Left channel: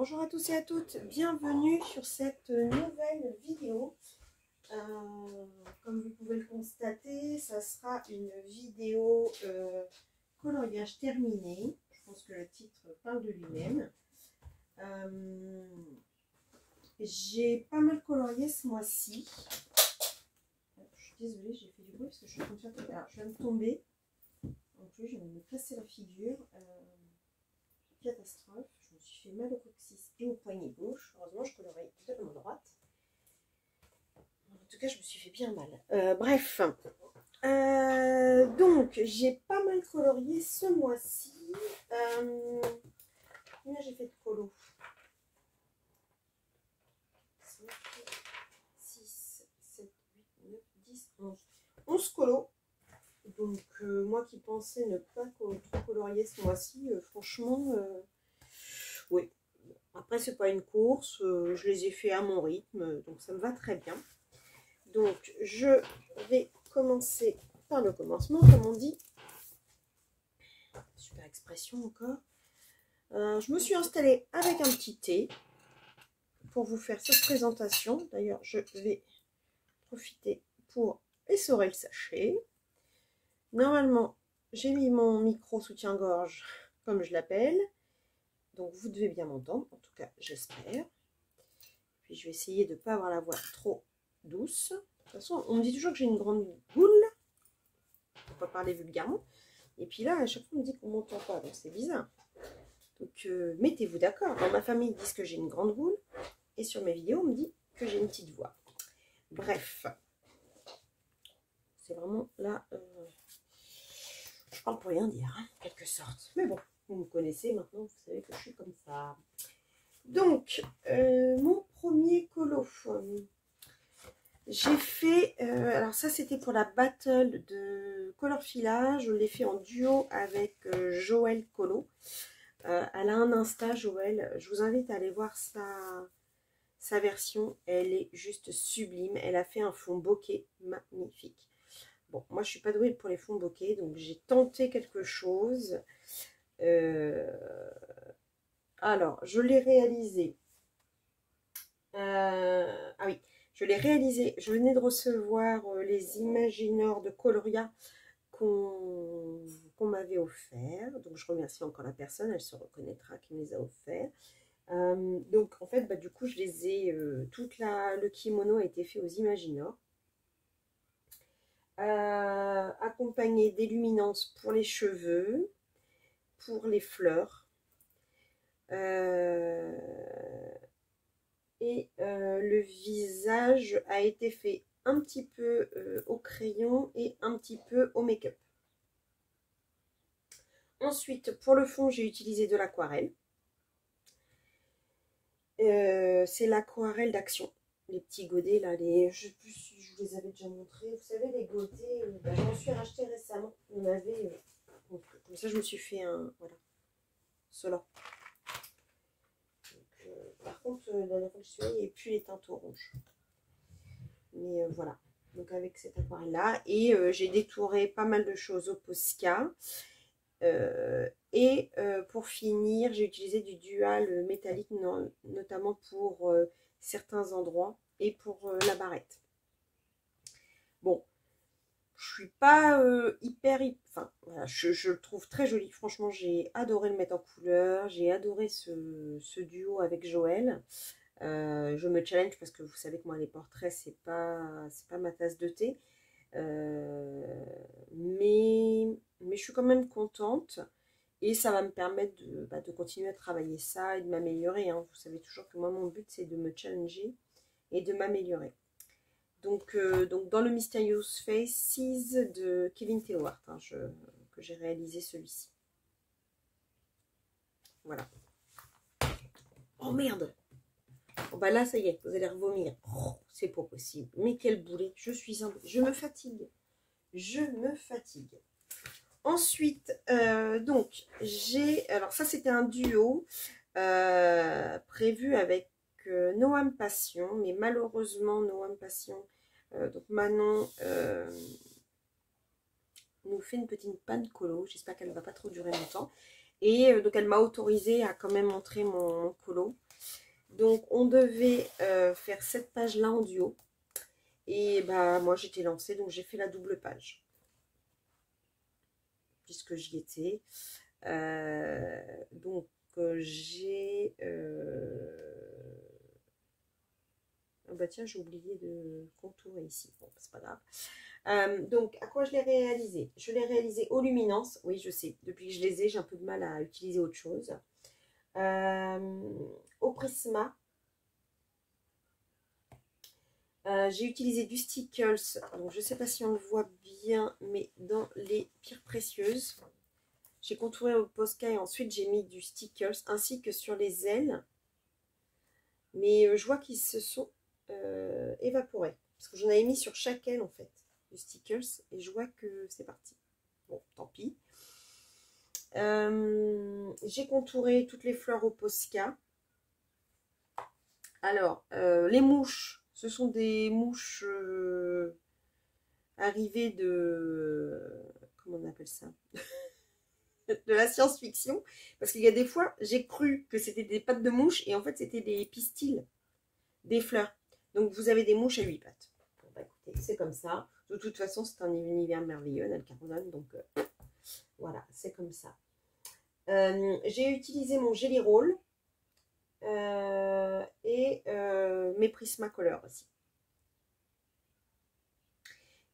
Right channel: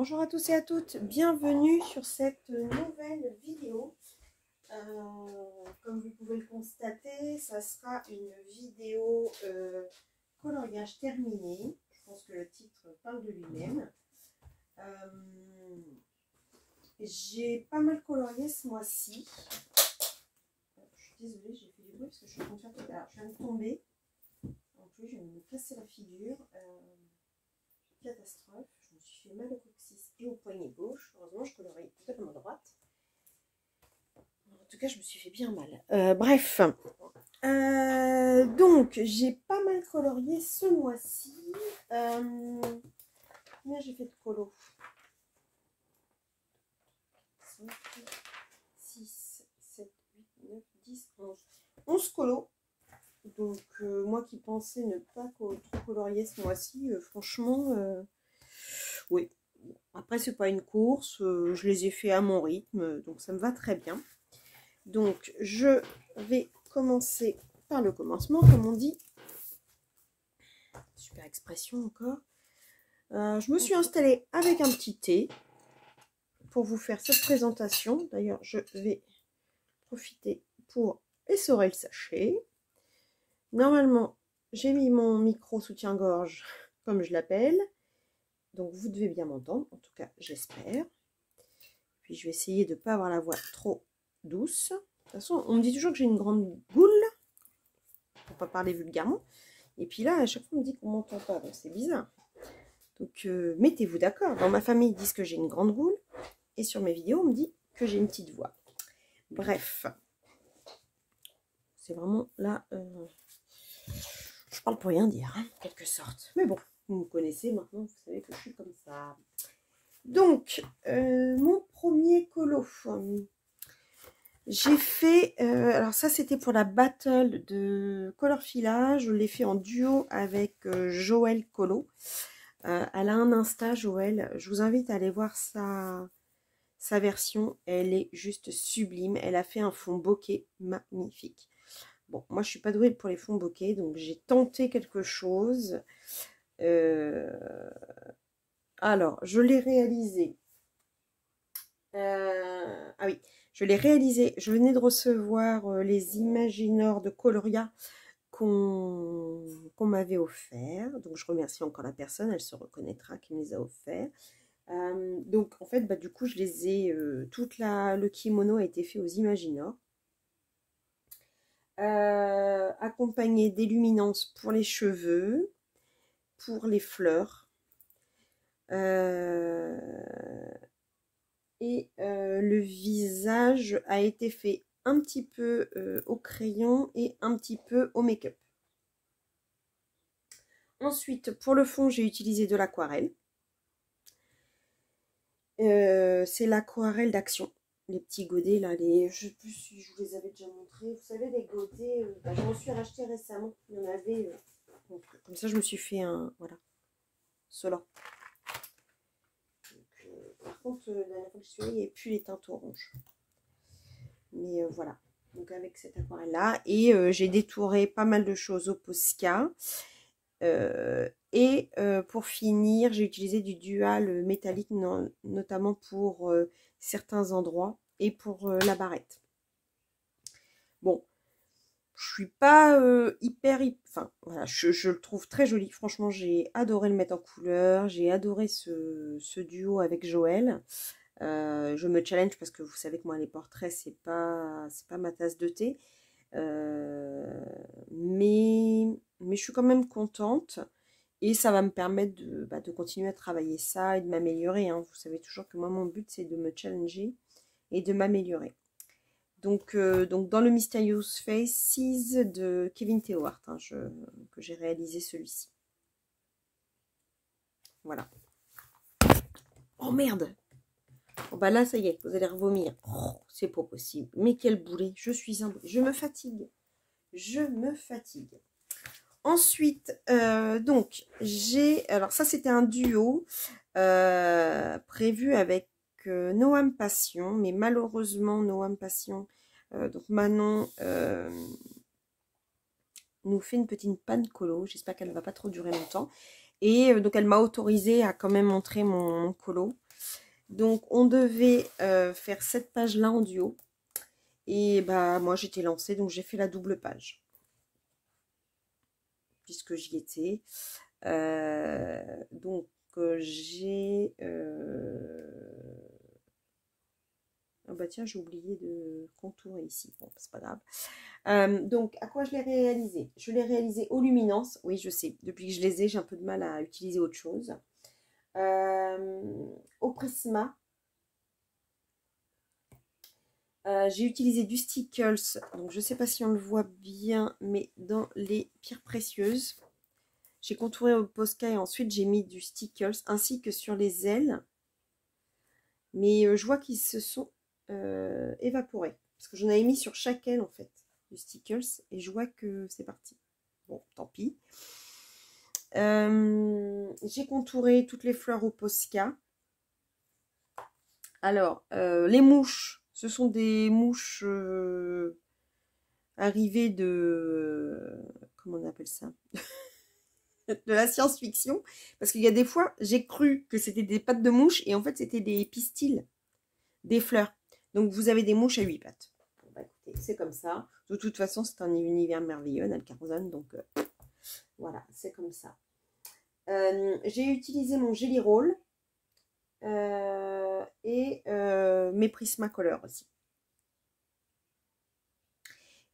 Bonjour à tous et à toutes, bienvenue sur cette nouvelle vidéo. Comme vous pouvez le constater, ça sera une vidéo coloriage terminé. Je pense que le titre parle de lui-même. J'ai pas mal colorié ce mois-ci. Je suis désolée, j'ai fait du bruit parce que je suis en train de faire... Alors, je viens de tomber. En plus, je viens de me casser la figure. Catastrophe. Je me suis fait mal au coccyx et au poignet gauche. Heureusement, je colorie totalement droite. En tout cas, je me suis fait bien mal. Bref. Donc, j'ai pas mal colorié ce mois-ci. Combien j'ai fait de colo? 5, 6, 7, 8, 9, 10, 11. 11 colos. Donc, moi qui pensais ne pas trop colorier ce mois-ci, franchement, oui. Après, c'est pas une course, je les ai fait à mon rythme, donc ça me va très bien. Donc, je vais commencer par le commencement, comme on dit. Super expression encore. Je me suis installée avec un petit thé pour vous faire cette présentation. D'ailleurs, je vais profiter pour essorer le sachet. Normalement, j'ai mis mon micro soutien-gorge, comme je l'appelle. Donc, vous devez bien m'entendre. En tout cas, j'espère. Puis, je vais essayer de ne pas avoir la voix trop douce. De toute façon, on me dit toujours que j'ai une grande boule. Pour ne pas parler vulgairement. Et puis là, à chaque fois, on me dit qu'on m'entend pas. Donc, c'est bizarre. Donc, mettez-vous d'accord. Dans ma famille, ils disent que j'ai une grande boule. Et sur mes vidéos, on me dit que j'ai une petite voix. Bref. C'est vraiment là... je parle pour rien dire, hein, en quelque sorte. Mais bon, vous me connaissez maintenant, vous savez que je suis comme ça. Donc, mon premier colo. J'ai fait... alors ça, c'était pour la battle de color filage. Je l'ai fait en duo avec Joël Colo. Elle a un Insta, Joël. Je vous invite à aller voir sa version. Elle est juste sublime. Elle a fait un fond bokeh magnifique. Bon, moi, je ne suis pas douée pour les fonds bokeh, donc j'ai tenté quelque chose. Alors, je l'ai réalisé. Ah oui, je l'ai réalisé. Je venais de recevoir les Imaginors de Coloria qu'on m'avait offert. Donc, je remercie encore la personne. Elle se reconnaîtra qui me les a offerts. Donc, en fait, du coup, je les ai... le kimono a été fait aux Imaginors. Accompagné d'illuminance pour les cheveux, pour les fleurs. Le visage a été fait un petit peu au crayon et un petit peu au make-up. Ensuite, pour le fond, j'ai utilisé de l'aquarelle. C'est l'aquarelle d'Action. Les petits godets, là, je ne sais plus si je vous les avais déjà montrés. Vous savez, les godets, je m'en suis racheté récemment. Il y en avait... donc, comme ça, je me suis fait un... Voilà. Cela. Par contre, la dernière fois que je suis allée, il n'y avait plus les teintes oranges. Mais voilà. Donc, avec cette aquarelle-là. Et j'ai détouré pas mal de choses au Posca. Pour finir, j'ai utilisé du dual métallique, notamment pour certains endroits et pour la barrette. Bon, je suis pas enfin, voilà, je le trouve très joli. Franchement, j'ai adoré le mettre en couleur. J'ai adoré ce duo avec Joël. Je me challenge parce que vous savez que moi, les portraits, c'est pas ma tasse de thé. Mais je suis quand même contente. Et ça va me permettre de continuer à travailler ça et de m'améliorer. Hein. Vous savez toujours que moi, mon but, c'est de me challenger et de m'améliorer. Donc, dans le Mysterious Faces de Kevin Theohart, hein, que j'ai réalisé celui-ci. Voilà. Oh merde! Bon, bah là, ça y est, vous allez revomir. Oh, c'est pas possible. Mais quel boulet! Je me fatigue. Je me fatigue. Ensuite, donc, alors ça, c'était un duo prévu avec Noam Passion, mais malheureusement, Noam Passion, donc Manon, nous fait une petite panne colo. J'espère qu'elle ne va pas trop durer longtemps. Et donc, elle m'a autorisé à quand même montrer mon colo. Donc on devait faire cette page-là en duo. Et bah moi j'étais lancée, donc j'ai fait la double page. Puisque j'y étais. Donc j'ai... Oh bah tiens, j'ai oublié de contourer ici. Bon, c'est pas grave. Donc, à quoi je l'ai réalisé? Je l'ai réalisé aux luminances. Oui, je sais. Depuis que je les ai, j'ai un peu de mal à utiliser autre chose. Au Prisma. J'ai utilisé du Stickles. Donc, je ne sais pas si on le voit bien, mais dans les pierres précieuses. J'ai contouré au Posca et ensuite j'ai mis du Stickles ainsi que sur les ailes. Mais je vois qu'ils se sont évaporés. Parce que j'en avais mis sur chaque aile en fait, du Stickles. Et je vois que c'est parti. Bon, tant pis. J'ai contouré toutes les fleurs au Posca. Alors, les mouches, ce sont des mouches arrivées de... Comment on appelle ça? De la science-fiction. Parce qu'il y a des fois, j'ai cru que c'était des pattes de mouche et en fait, c'était des pistils, des fleurs. Donc, vous avez des mouches à 8 pattes. Bon, bah, écoutez, c'est comme ça. De toute façon, c'est un univers merveilleux, Nalcarzone. Donc, voilà, c'est comme ça. J'ai utilisé mon Jelly Roll et mes Prismacolor aussi.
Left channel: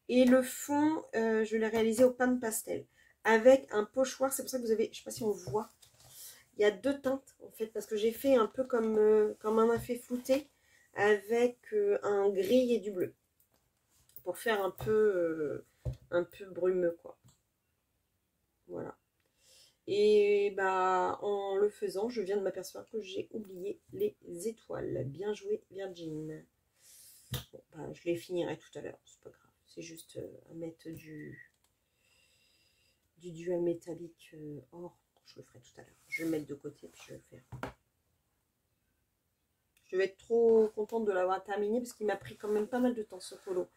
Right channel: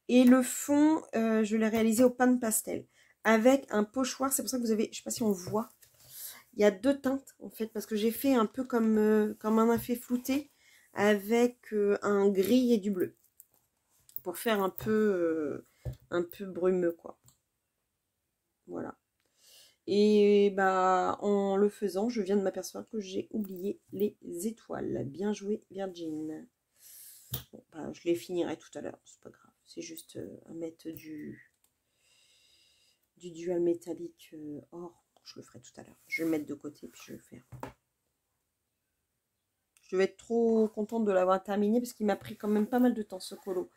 Et le fond, je l'ai réalisé au pain de pastel avec un pochoir. C'est pour ça que vous avez, je ne sais pas si on voit, il y a deux teintes en fait, parce que j'ai fait un peu comme un effet flouté avec un gris et du bleu pour faire un peu brumeux quoi. Voilà. Et bah en le faisant, je viens de m'apercevoir que j'ai oublié les étoiles. Bien joué Virgin. Bon, bah, je les finirai tout à l'heure, c'est pas grave. C'est juste à mettre du dual métallique or. Je le ferai tout à l'heure. Je vais le mettre de côté puis je vais le faire. Je vais être trop contente de l'avoir terminé parce qu'il m'a pris quand même pas mal de temps ce colo.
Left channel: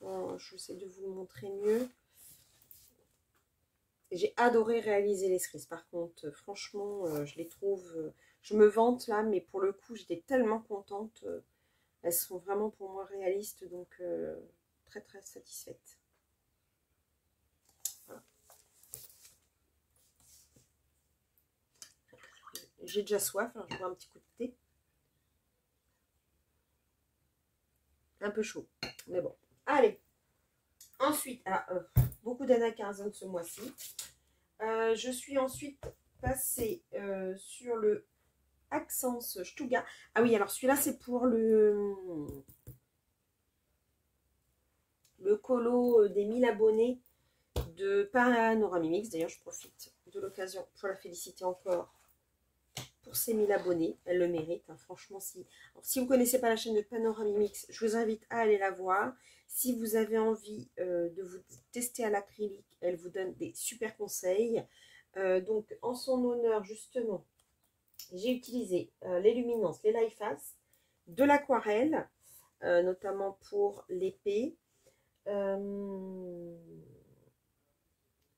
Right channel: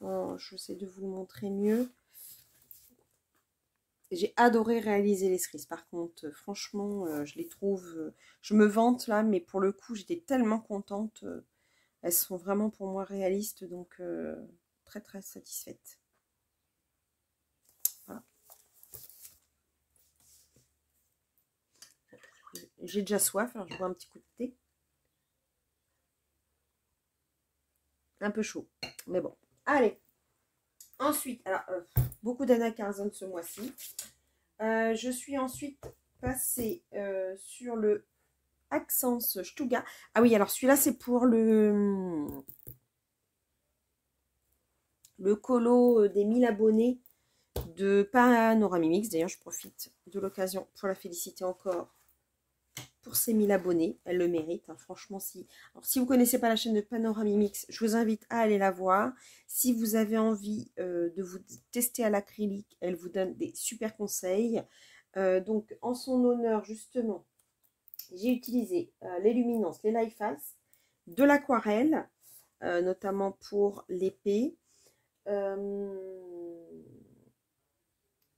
Bon, je vais essayer de vous le montrer mieux. J'ai adoré réaliser les cerises. Par contre, franchement, je les trouve... je me vante là, mais pour le coup, j'étais tellement contente. Elles sont vraiment pour moi réalistes, donc très très satisfaite. Voilà. J'ai déjà soif, alors je bois un petit coup de thé. Un peu chaud, mais bon. Allez. Ensuite, alors, beaucoup d'Anna-Carzone ce mois-ci. Je suis ensuite passée sur le Accence Stuga. Ah oui, alors celui-là, c'est pour le colo des 1000 abonnés de Panoramimix. D'ailleurs, je profite de l'occasion pour la féliciter encore pour ses 1000 abonnés. Elle le mérite, hein, franchement. Si vous ne connaissez pas la chaîne de Panoramimix, je vous invite à aller la voir. Si vous avez envie de vous tester à l'acrylique, elle vous donne des super conseils. Donc, en son honneur, justement, j'ai utilisé les luminances, les Life Face, de l'aquarelle, notamment pour l'épée,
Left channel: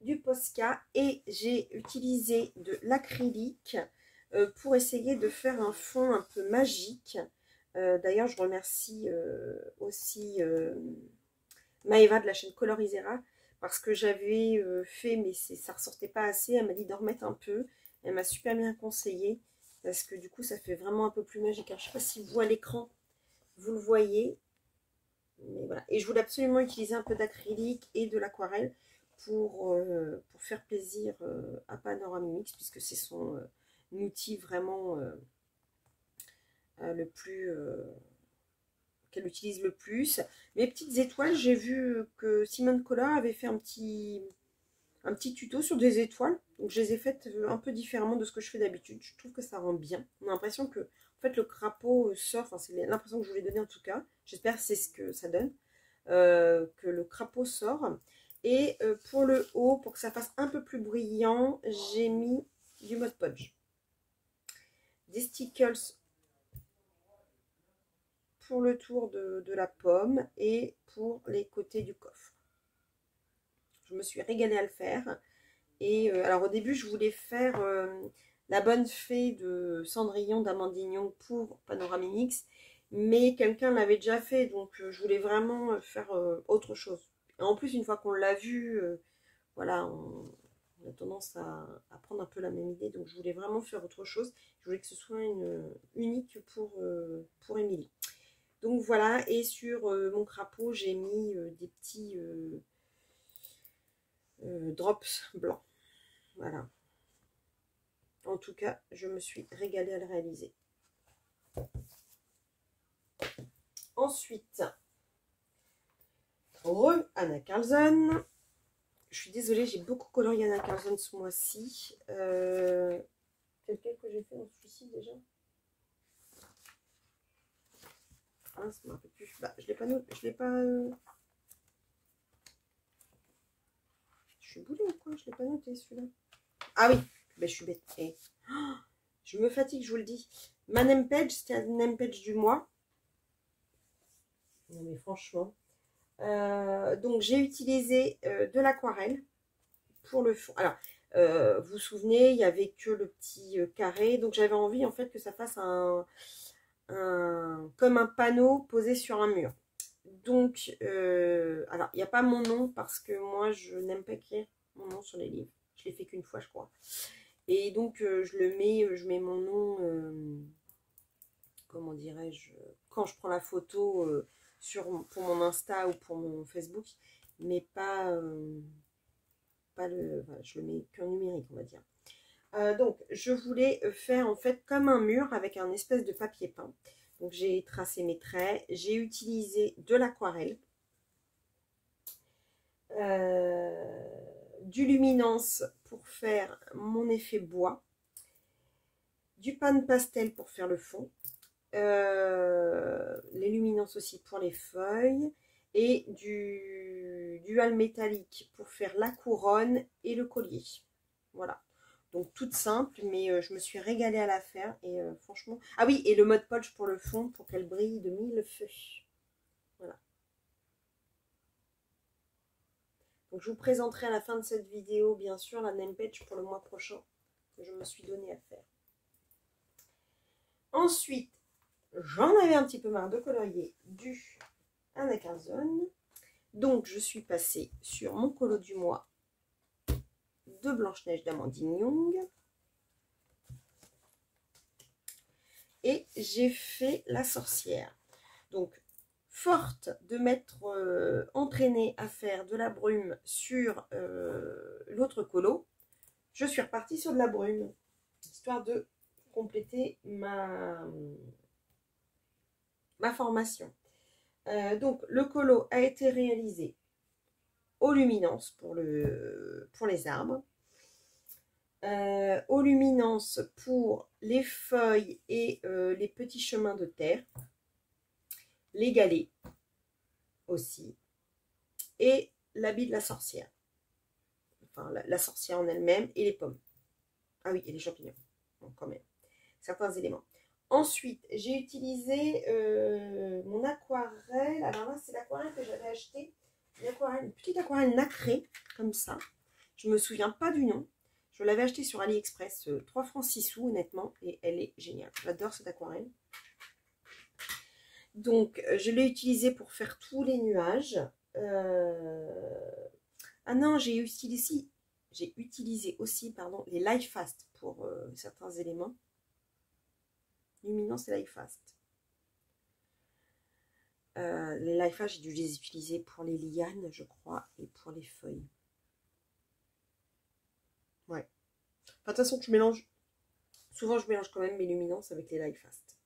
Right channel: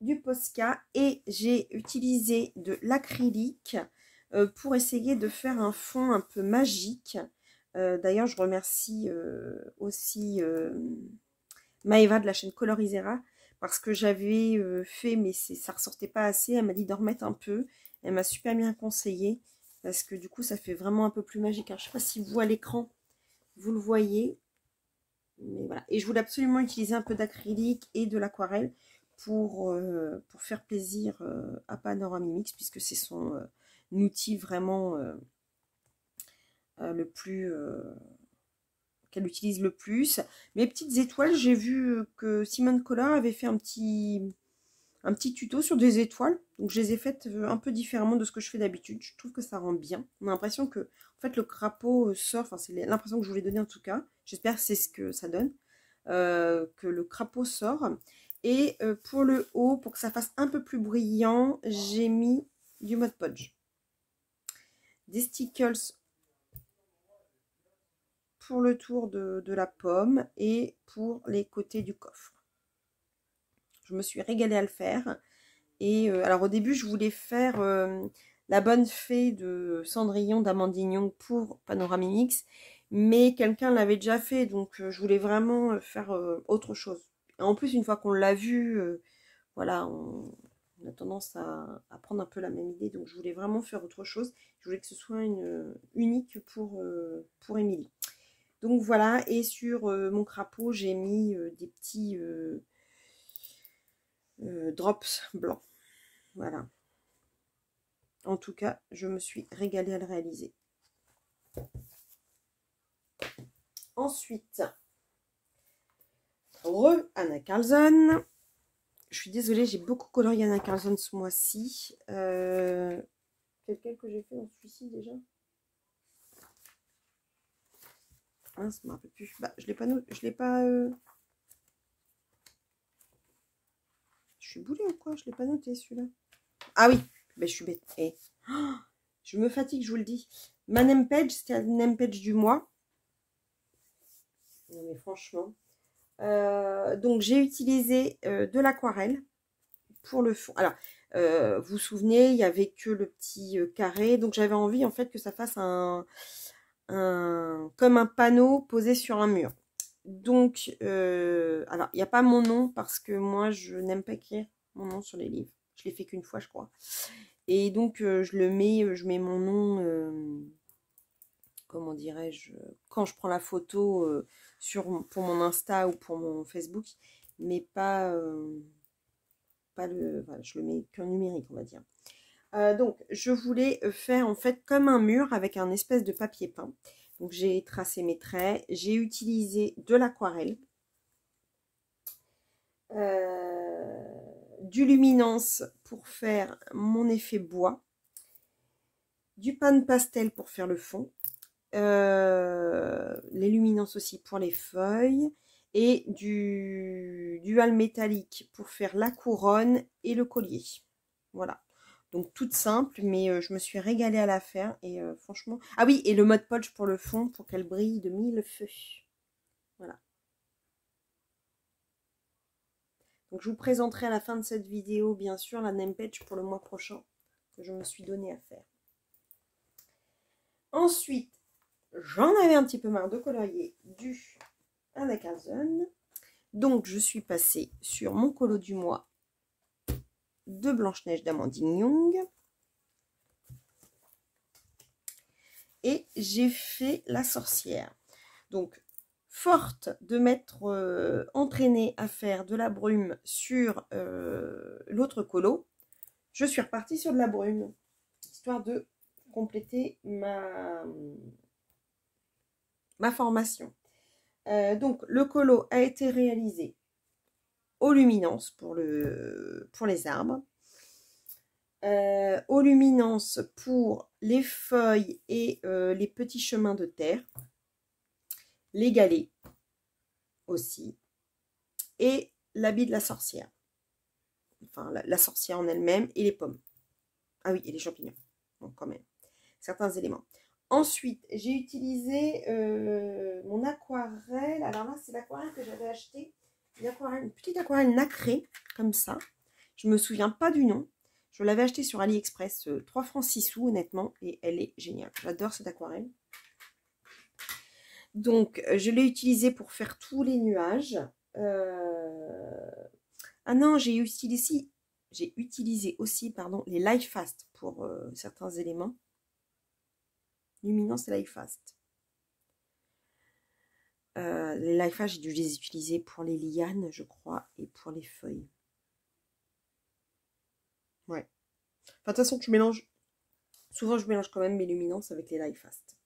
du Posca, et j'ai utilisé de l'acrylique pour essayer de faire un fond un peu magique. D'ailleurs, je remercie aussi Maëva de la chaîne Colorisera, parce que j'avais fait, mais ça ressortait pas assez. Elle m'a dit d'en remettre un peu. Elle m'a super bien conseillé, parce que du coup, ça fait vraiment un peu plus magique. Alors, je sais pas si vous, à l'écran, vous le voyez. Mais voilà. Et je voulais absolument utiliser un peu d'acrylique et de l'aquarelle pour faire plaisir à Panoramimix, puisque c'est son outil vraiment le plus... qu'elle utilise le plus. Mes petites étoiles, j'ai vu que Simone Collar avait fait un petit tuto sur des étoiles. Donc je les ai faites un peu différemment de ce que je fais d'habitude. Je trouve que ça rend bien. On a l'impression que en fait, le crapaud sort, enfin c'est l'impression que je voulais donner en tout cas. J'espère que c'est ce que ça donne. Que le crapaud sort. Et pour le haut, pour que ça fasse un peu plus brillant, j'ai mis du Mod Podge. Des stickers pour le tour de la pomme et pour les côtés du coffre. Je me suis régalée à le faire. Et alors au début, je voulais faire La Bonne Fée de Cendrillon d'Amandine Young pour Panoramix, mais quelqu'un l'avait déjà fait, donc je voulais vraiment faire autre chose. Et en plus, une fois qu'on l'a vu, voilà, on a tendance à prendre un peu la même idée, donc je voulais vraiment faire autre chose. Je voulais que ce soit une unique pour Émilie. Donc voilà, et sur mon crapaud, j'ai mis des petits drops blancs. Voilà. En tout cas, je me suis régalée à le réaliser. Ensuite, Anna Carlson. Je suis désolée, j'ai beaucoup colorié Anna Carlson ce mois-ci. Quel que j'ai fait dans celui-ci déjà? Ah, ça ne me rappelle plus. Bah, je l'ai pas... Je l'ai pas... Je suis boulée ou quoi? Je l'ai pas noté celui-là. Ah oui, mais je suis bête. Et... Oh, je me fatigue, je vous le dis. Ma name page, c'était la name page du mois. Non mais franchement. Donc j'ai utilisé de l'aquarelle pour le fond. Alors, vous vous souvenez, il n'y avait que le petit carré. Donc j'avais envie en fait que ça fasse comme un panneau posé sur un mur. Donc, alors, il n'y a pas mon nom parce que moi, je n'aime pas écrire mon nom sur les livres. Je l'ai fait qu'une fois, je crois. Et donc, je mets mon nom, comment dirais-je, quand je prends la photo pour mon Insta ou pour mon Facebook, mais pas le, voilà, je le mets qu'en numérique, on va dire. Donc, je voulais faire en fait comme un mur avec un espèce de papier peint. Donc, j'ai tracé mes traits. J'ai utilisé de l'aquarelle, du luminance pour faire mon effet bois, du pan pastel pour faire le fond, les luminances aussi pour les feuilles et du dual métallique pour faire la couronne et le collier. Voilà. Donc toute simple, mais je me suis régalée à la faire et franchement... Ah oui, et le Mod Podge pour le fond pour qu'elle brille de 1000 feux. Voilà. Donc je vous présenterai à la fin de cette vidéo, bien sûr, la name page pour le mois prochain que je me suis donné à faire. Ensuite, j'en avais un petit peu marre de colorier du Anna Carlson. Donc je suis passée sur mon colo du mois de Blanche-Neige d'Amandine Young. Et j'ai fait la sorcière. Donc, forte de m'être entraînée à faire de la brume sur l'autre colo, je suis repartie sur de la brume, histoire de compléter ma formation. Donc, le colo a été réalisé aux luminances pour les arbres. Aux luminances pour les feuilles et les petits chemins de terre, les galets aussi, et l'habit de la sorcière, enfin la sorcière en elle-même, et les pommes. Ah oui, et les champignons, donc quand même, certains éléments. Ensuite, j'ai utilisé mon aquarelle. Alors là, c'est l'aquarelle que j'avais acheté, une petite aquarelle nacrée, comme ça. Je ne me souviens pas du nom. Je l'avais acheté sur AliExpress, 3 francs 6 sous, honnêtement, et elle est géniale. J'adore cette aquarelle. Donc, je l'ai utilisée pour faire tous les nuages. Ah non, j'ai utilisé aussi pardon, les Light Fast pour certains éléments. Luminance et Light Fast. Les Light Fast, j'ai dû les utiliser pour les lianes, je crois, et pour les feuilles. Ouais. Enfin, de toute façon, je mélange. Souvent, je mélange quand même mes luminances avec les Light Fast.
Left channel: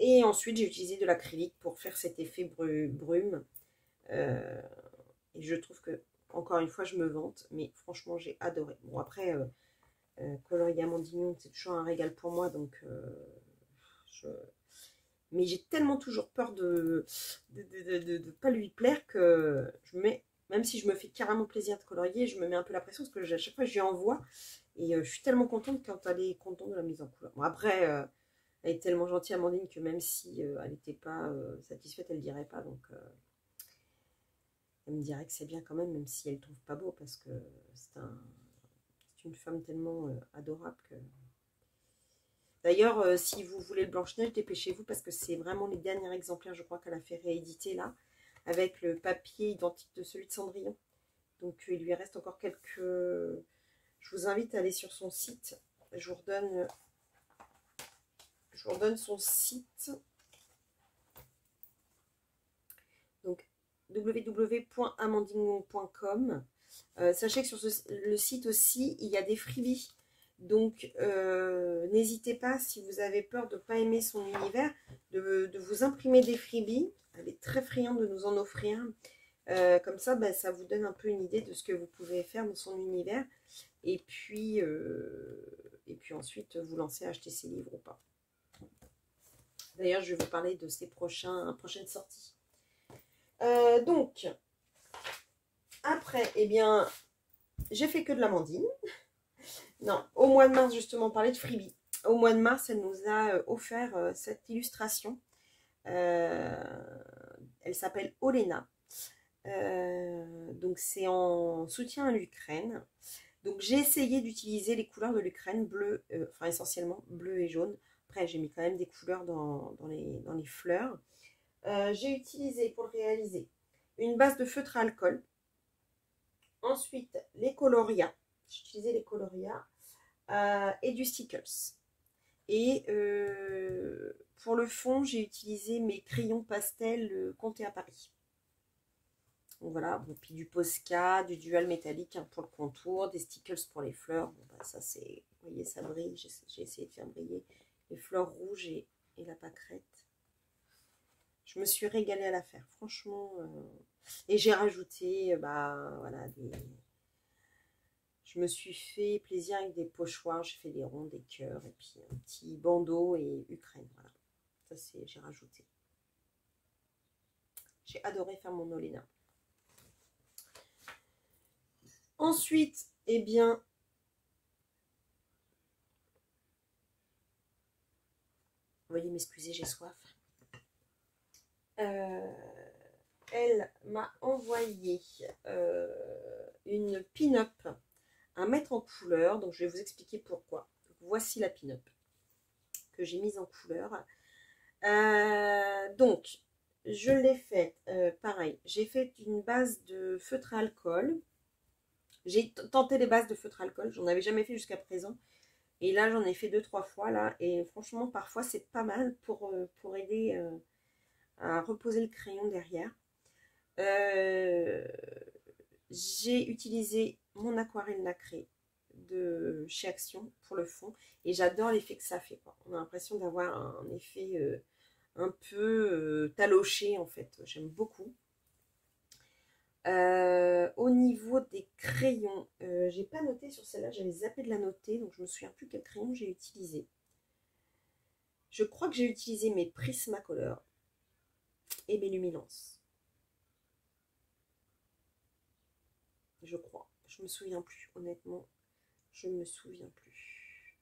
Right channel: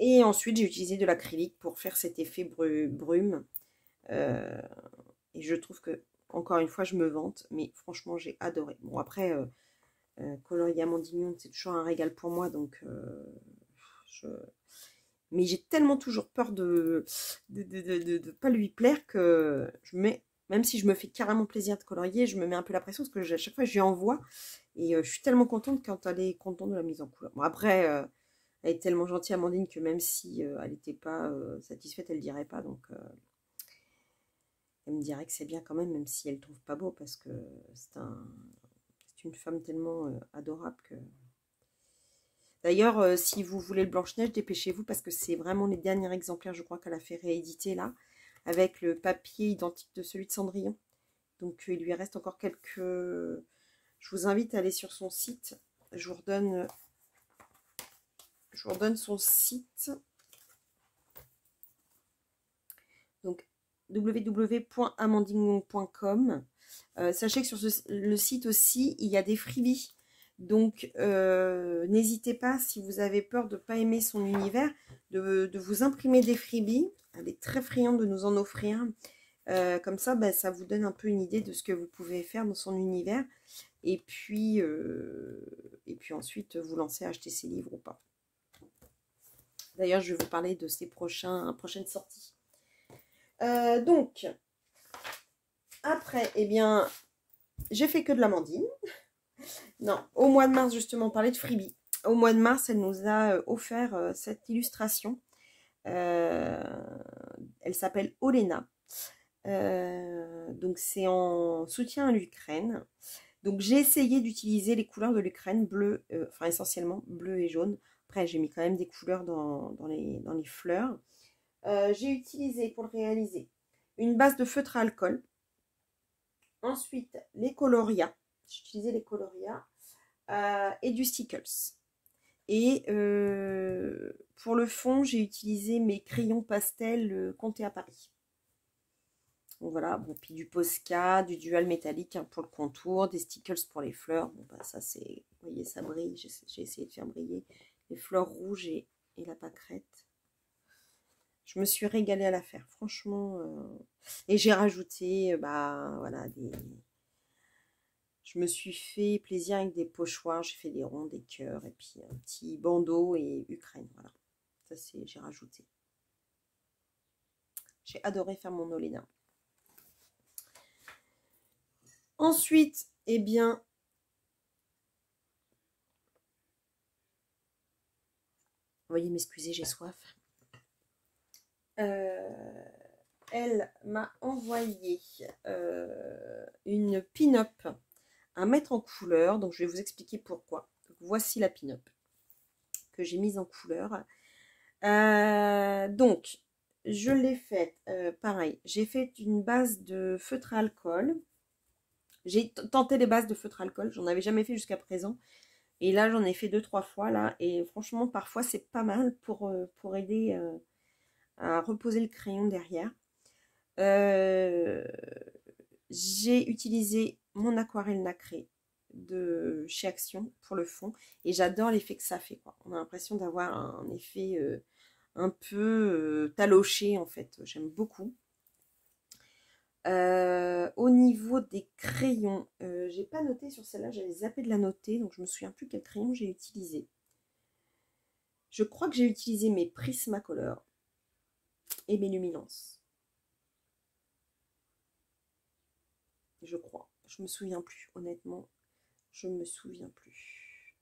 Et ensuite, j'ai utilisé de l'acrylique pour faire cet effet brume. Et je trouve que, encore une fois, je me vante, mais franchement, j'ai adoré. Bon, après, colorier Amandine Young, c'est toujours un régal pour moi, donc mais j'ai tellement toujours peur de pas lui plaire que je mets, même si je me fais carrément plaisir de colorier, je me mets un peu la pression parce que à chaque fois, je lui envoie et je suis tellement contente quand elle est contente de la mise en couleur. Bon, après, elle est tellement gentille, Amandine, que même si elle n'était pas satisfaite, elle ne dirait pas, donc... Elle me dirait que c'est bien quand même si elle ne le trouve pas beau, parce que c'est une femme tellement adorable que... D'ailleurs, si vous voulez le Blanche-Neige, dépêchez-vous, parce que c'est vraiment les derniers exemplaires, je crois, qu'elle a fait rééditer là, avec le papier identique de celui de Cendrillon. Donc il lui reste encore quelques... Je vous invite à aller sur son site. Je vous redonne son site. Donc www.amandingon.com. Sachez que sur le site aussi, il y a des freebies. Donc n'hésitez pas, si vous avez peur de ne pas aimer son univers, de vous imprimer des freebies. Elle est très friande de nous en offrir. Comme ça, ben, ça vous donne un peu une idée de ce que vous pouvez faire dans son univers. Et puis ensuite, vous lancez à acheter ses livres ou pas. D'ailleurs, je vais vous parler de ses prochaines sorties. Donc, après, eh bien, j'ai fait que de l'Amandine. Non, au mois de mars, justement, on parlait de freebie. Au mois de mars, elle nous a offert cette illustration. Elle s'appelle Olena. Donc, c'est en soutien à l'Ukraine. Donc, j'ai essayé d'utiliser les couleurs de l'Ukraine, bleu, enfin essentiellement bleu et jaune. Après, j'ai mis quand même des couleurs dans les fleurs. J'ai utilisé pour le réaliser une base de feutre à alcool. Ensuite, les coloria. J'ai utilisé les coloria et du stickers. Et pour le fond, j'ai utilisé mes crayons pastel Comté à Paris. Donc voilà, bon, puis du Posca, du dual métallique pour le contour, des stickers pour les fleurs. Bon, bah, ça c'est, vous voyez, ça brille. J'ai essayé de faire briller les fleurs rouges et la pâquerette. Je me suis régalée à la faire, franchement. Et j'ai rajouté, bah voilà, je me suis fait plaisir avec des pochoirs. J'ai fait des ronds, des cœurs, et puis un petit bandeau et Ukraine. Voilà, ça c'est, j'ai rajouté. J'ai adoré faire mon Olena. Ensuite, eh bien, veuillez m'excuser, j'ai soif. Elle m'a envoyé une pin-up à mettre en couleur. Donc, je vais vous expliquer pourquoi. Donc, voici la pin-up que j'ai mise en couleur. Donc, je l'ai faite, pareil. J'ai fait une base de feutre à alcool. J'ai tenté les bases de feutre à alcool. J'en avais jamais fait jusqu'à présent. Et là, j'en ai fait 2-3 fois. Là, et franchement, parfois, c'est pas mal pour aider à reposer le crayon derrière. J'ai utilisé mon aquarelle nacrée de chez Action pour le fond. Et j'adore l'effet que ça fait, quoi. On a l'impression d'avoir un effet un peu taloché, en fait. J'aime beaucoup. Au niveau des crayons, j'ai pas noté sur celle-là, j'avais zappé de la noter, donc je me souviens plus quel crayon j'ai utilisé. Je crois que j'ai utilisé mes Prismacolor et mes Luminance. Je crois, je me souviens plus, honnêtement, je me souviens plus.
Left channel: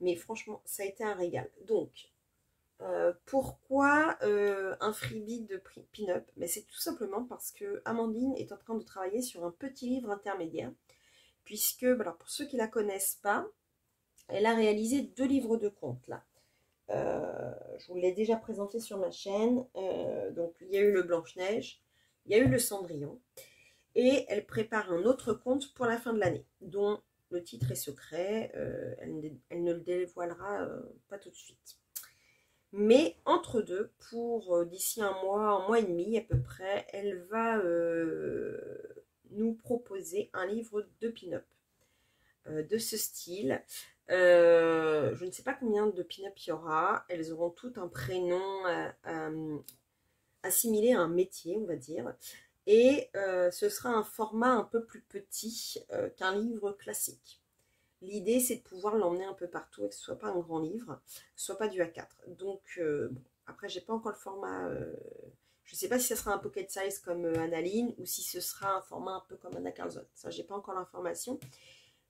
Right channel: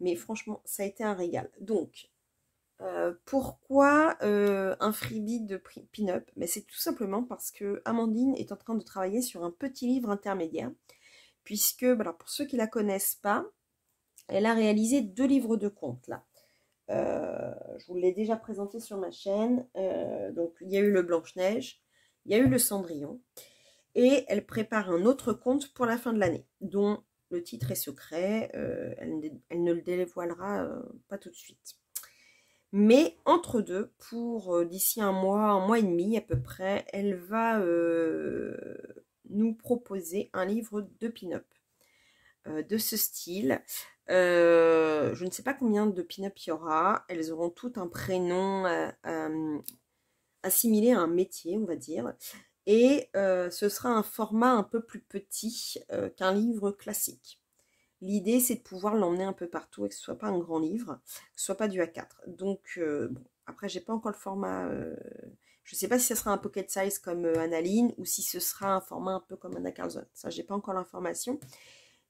Mais franchement, ça a été un régal. Donc, pourquoi un freebie de pin-up? C'est tout simplement parce que Amandine est en train de travailler sur un petit livre intermédiaire, puisque, alors pour ceux qui ne la connaissent pas, elle a réalisé 2 livres de contes là. Je vous l'ai déjà présenté sur ma chaîne. Donc il y a eu le Blanche-Neige, il y a eu le Cendrillon, et elle prépare un autre conte pour la fin de l'année, dont le titre est secret. Elle ne le dévoilera pas tout de suite. Mais entre deux, pour d'ici un mois et demi à peu près, elle va nous proposer un livre de pin-up de ce style. Je ne sais pas combien de pin-up il y aura. Elles auront toutes un prénom assimilé à un métier, on va dire. Et ce sera un format un peu plus petit qu'un livre classique. L'idée, c'est de pouvoir l'emmener un peu partout et que ce ne soit pas un grand livre, que ce ne soit pas du A4. Donc, bon, après, j'ai pas encore le format. Je ne sais pas si ce sera un pocket size comme Annaline ou si ce sera un format un peu comme Anna Carlson. Ça, j'ai pas encore l'information.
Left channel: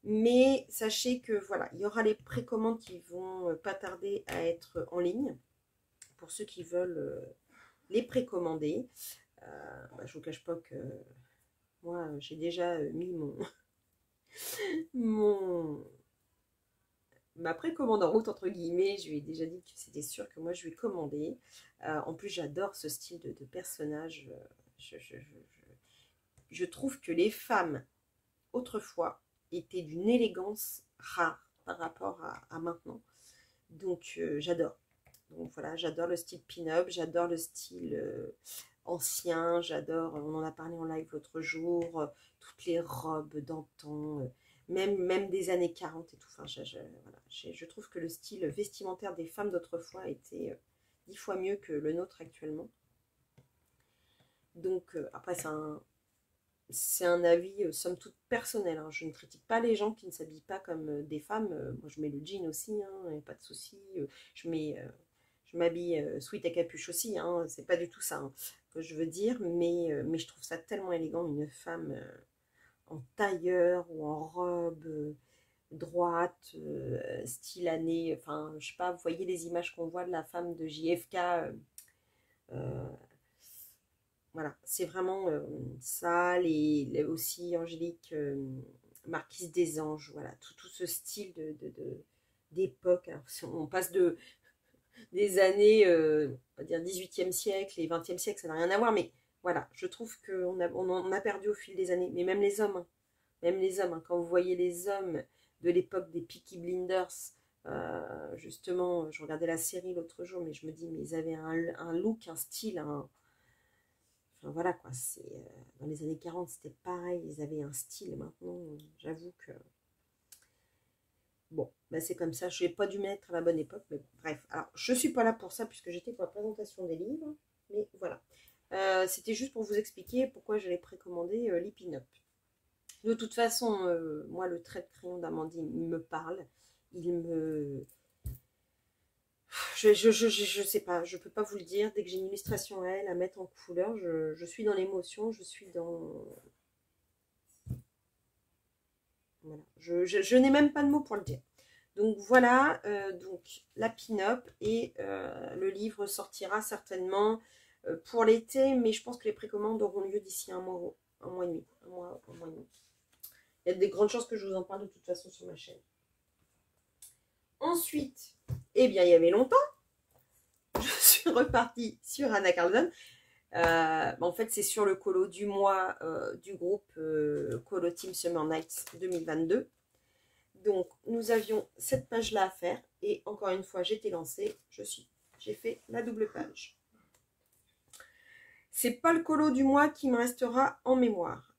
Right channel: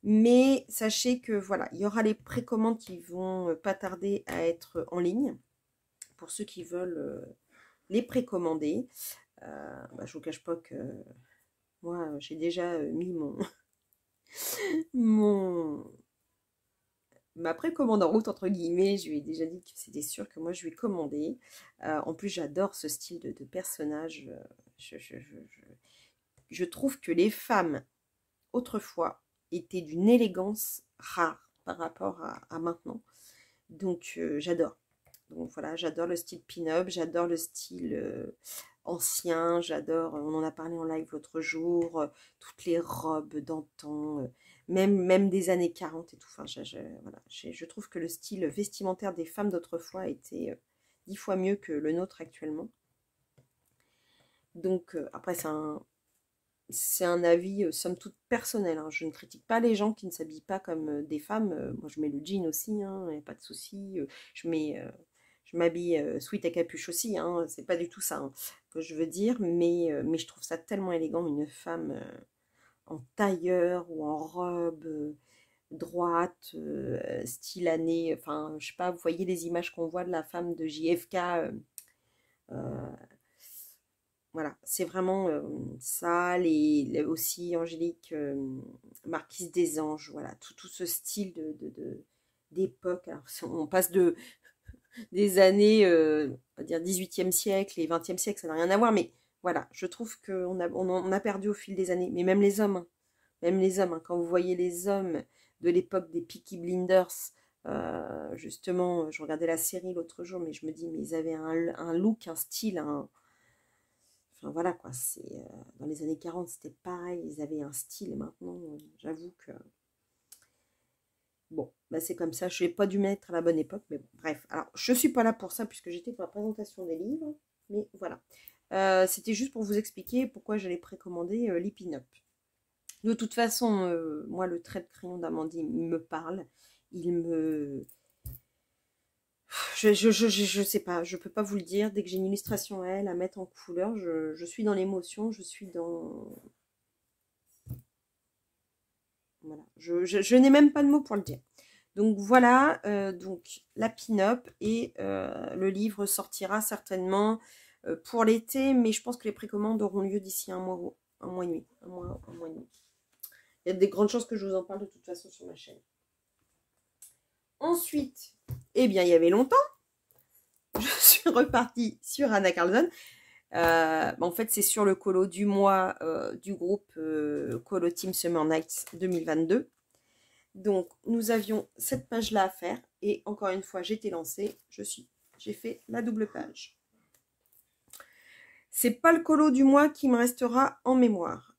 Mais sachez que voilà, il y aura les précommandes qui vont pas tarder à être en ligne pour ceux qui veulent les précommander. Bah, je vous cache pas que moi, j'ai déjà mis mon ma précommande en route, entre guillemets. Je lui ai déjà dit que c'était sûr que moi, je lui ai commandé. En plus, j'adore ce style de personnage. Je trouve que les femmes, autrefois, étaient d'une élégance rare par rapport à maintenant. Donc, j'adore. Donc voilà, j'adore le style pin-up, j'adore le style ancien, j'adore, on en a parlé en live l'autre jour, toutes les robes d'antan, même des années 40 et tout. Enfin, voilà, je trouve que le style vestimentaire des femmes d'autrefois était 10 fois mieux que le nôtre actuellement. Donc après, c'est un avis somme toute personnel, hein. Je ne critique pas les gens qui ne s'habillent pas comme des femmes. Moi, je mets le jean aussi, il n'y a pas de souci. Je m'habille sweat à capuche aussi, hein. C'est pas du tout ça, hein, que je veux dire, mais je trouve ça tellement élégant, une femme en tailleur ou en robe droite, style année, enfin, je sais pas, vous voyez les images qu'on voit de la femme de JFK. Euh, voilà, c'est vraiment ça, aussi Angélique, Marquise des Anges, voilà, tout ce style d'époque. Alors, si on passe des années, on va dire 18e siècle et 20e siècle, ça n'a rien à voir, mais voilà, je trouve qu'on a perdu au fil des années, mais même les hommes, hein, quand vous voyez les hommes de l'époque des Peaky Blinders, justement, je regardais la série l'autre jour, mais je me dis, mais ils avaient un look, un style, enfin voilà quoi, dans les années 40 c'était pareil, ils avaient un style. Maintenant, j'avoue que bon, bah c'est comme ça, je n'ai pas dû mettre à la bonne époque, mais bon, bref. Alors, je suis pas là pour ça puisque j'étais pour la présentation des livres, mais voilà. C'était juste pour vous expliquer pourquoi j'allais précommander les pin-up. De toute façon, moi, le trait de crayon d'Amandine, il me parle. Il me... Je sais pas, je peux pas vous le dire. Dès que j'ai une illustration à elle, à mettre en couleur, je suis dans l'émotion, je suis dans... Voilà. Je n'ai même pas de mots pour le dire. Donc voilà, donc la pin-up et le livre sortira certainement pour l'été, mais je pense que les précommandes auront lieu d'ici un mois et demi. Un mois et demi. Il y a des grandes chances que je vous en parle de toute façon sur ma chaîne. Ensuite, eh bien, il y avait longtemps, je suis repartie sur Anna Carlson. En fait, c'est sur le colo du mois du groupe Colo Team Summer Nights 2022. Donc, nous avions cette page-là à faire. Et encore une fois, j'étais lancée. J'ai fait la double page. C'est pas le colo du mois qui me restera en mémoire.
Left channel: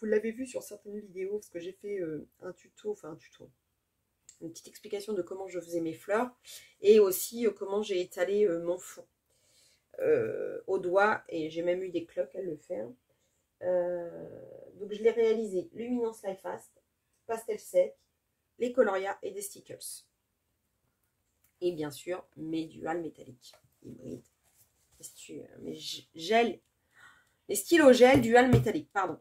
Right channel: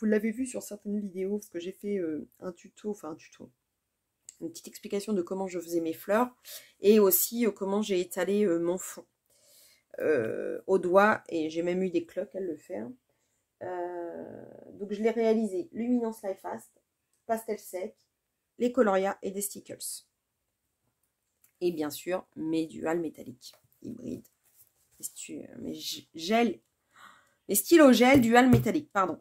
Vous l'avez vu sur certaines vidéos, parce que j'ai fait un tuto, une petite explication de comment je faisais mes fleurs et aussi comment j'ai étalé mon fond au doigt, et j'ai même eu des cloques à le faire. Donc je l'ai réalisé Luminance Life Fast, pastel sec, les coloria et des stickers. Et bien sûr mes dual métalliques hybrides. Mes gel, les stylos gel dual métallique, pardon.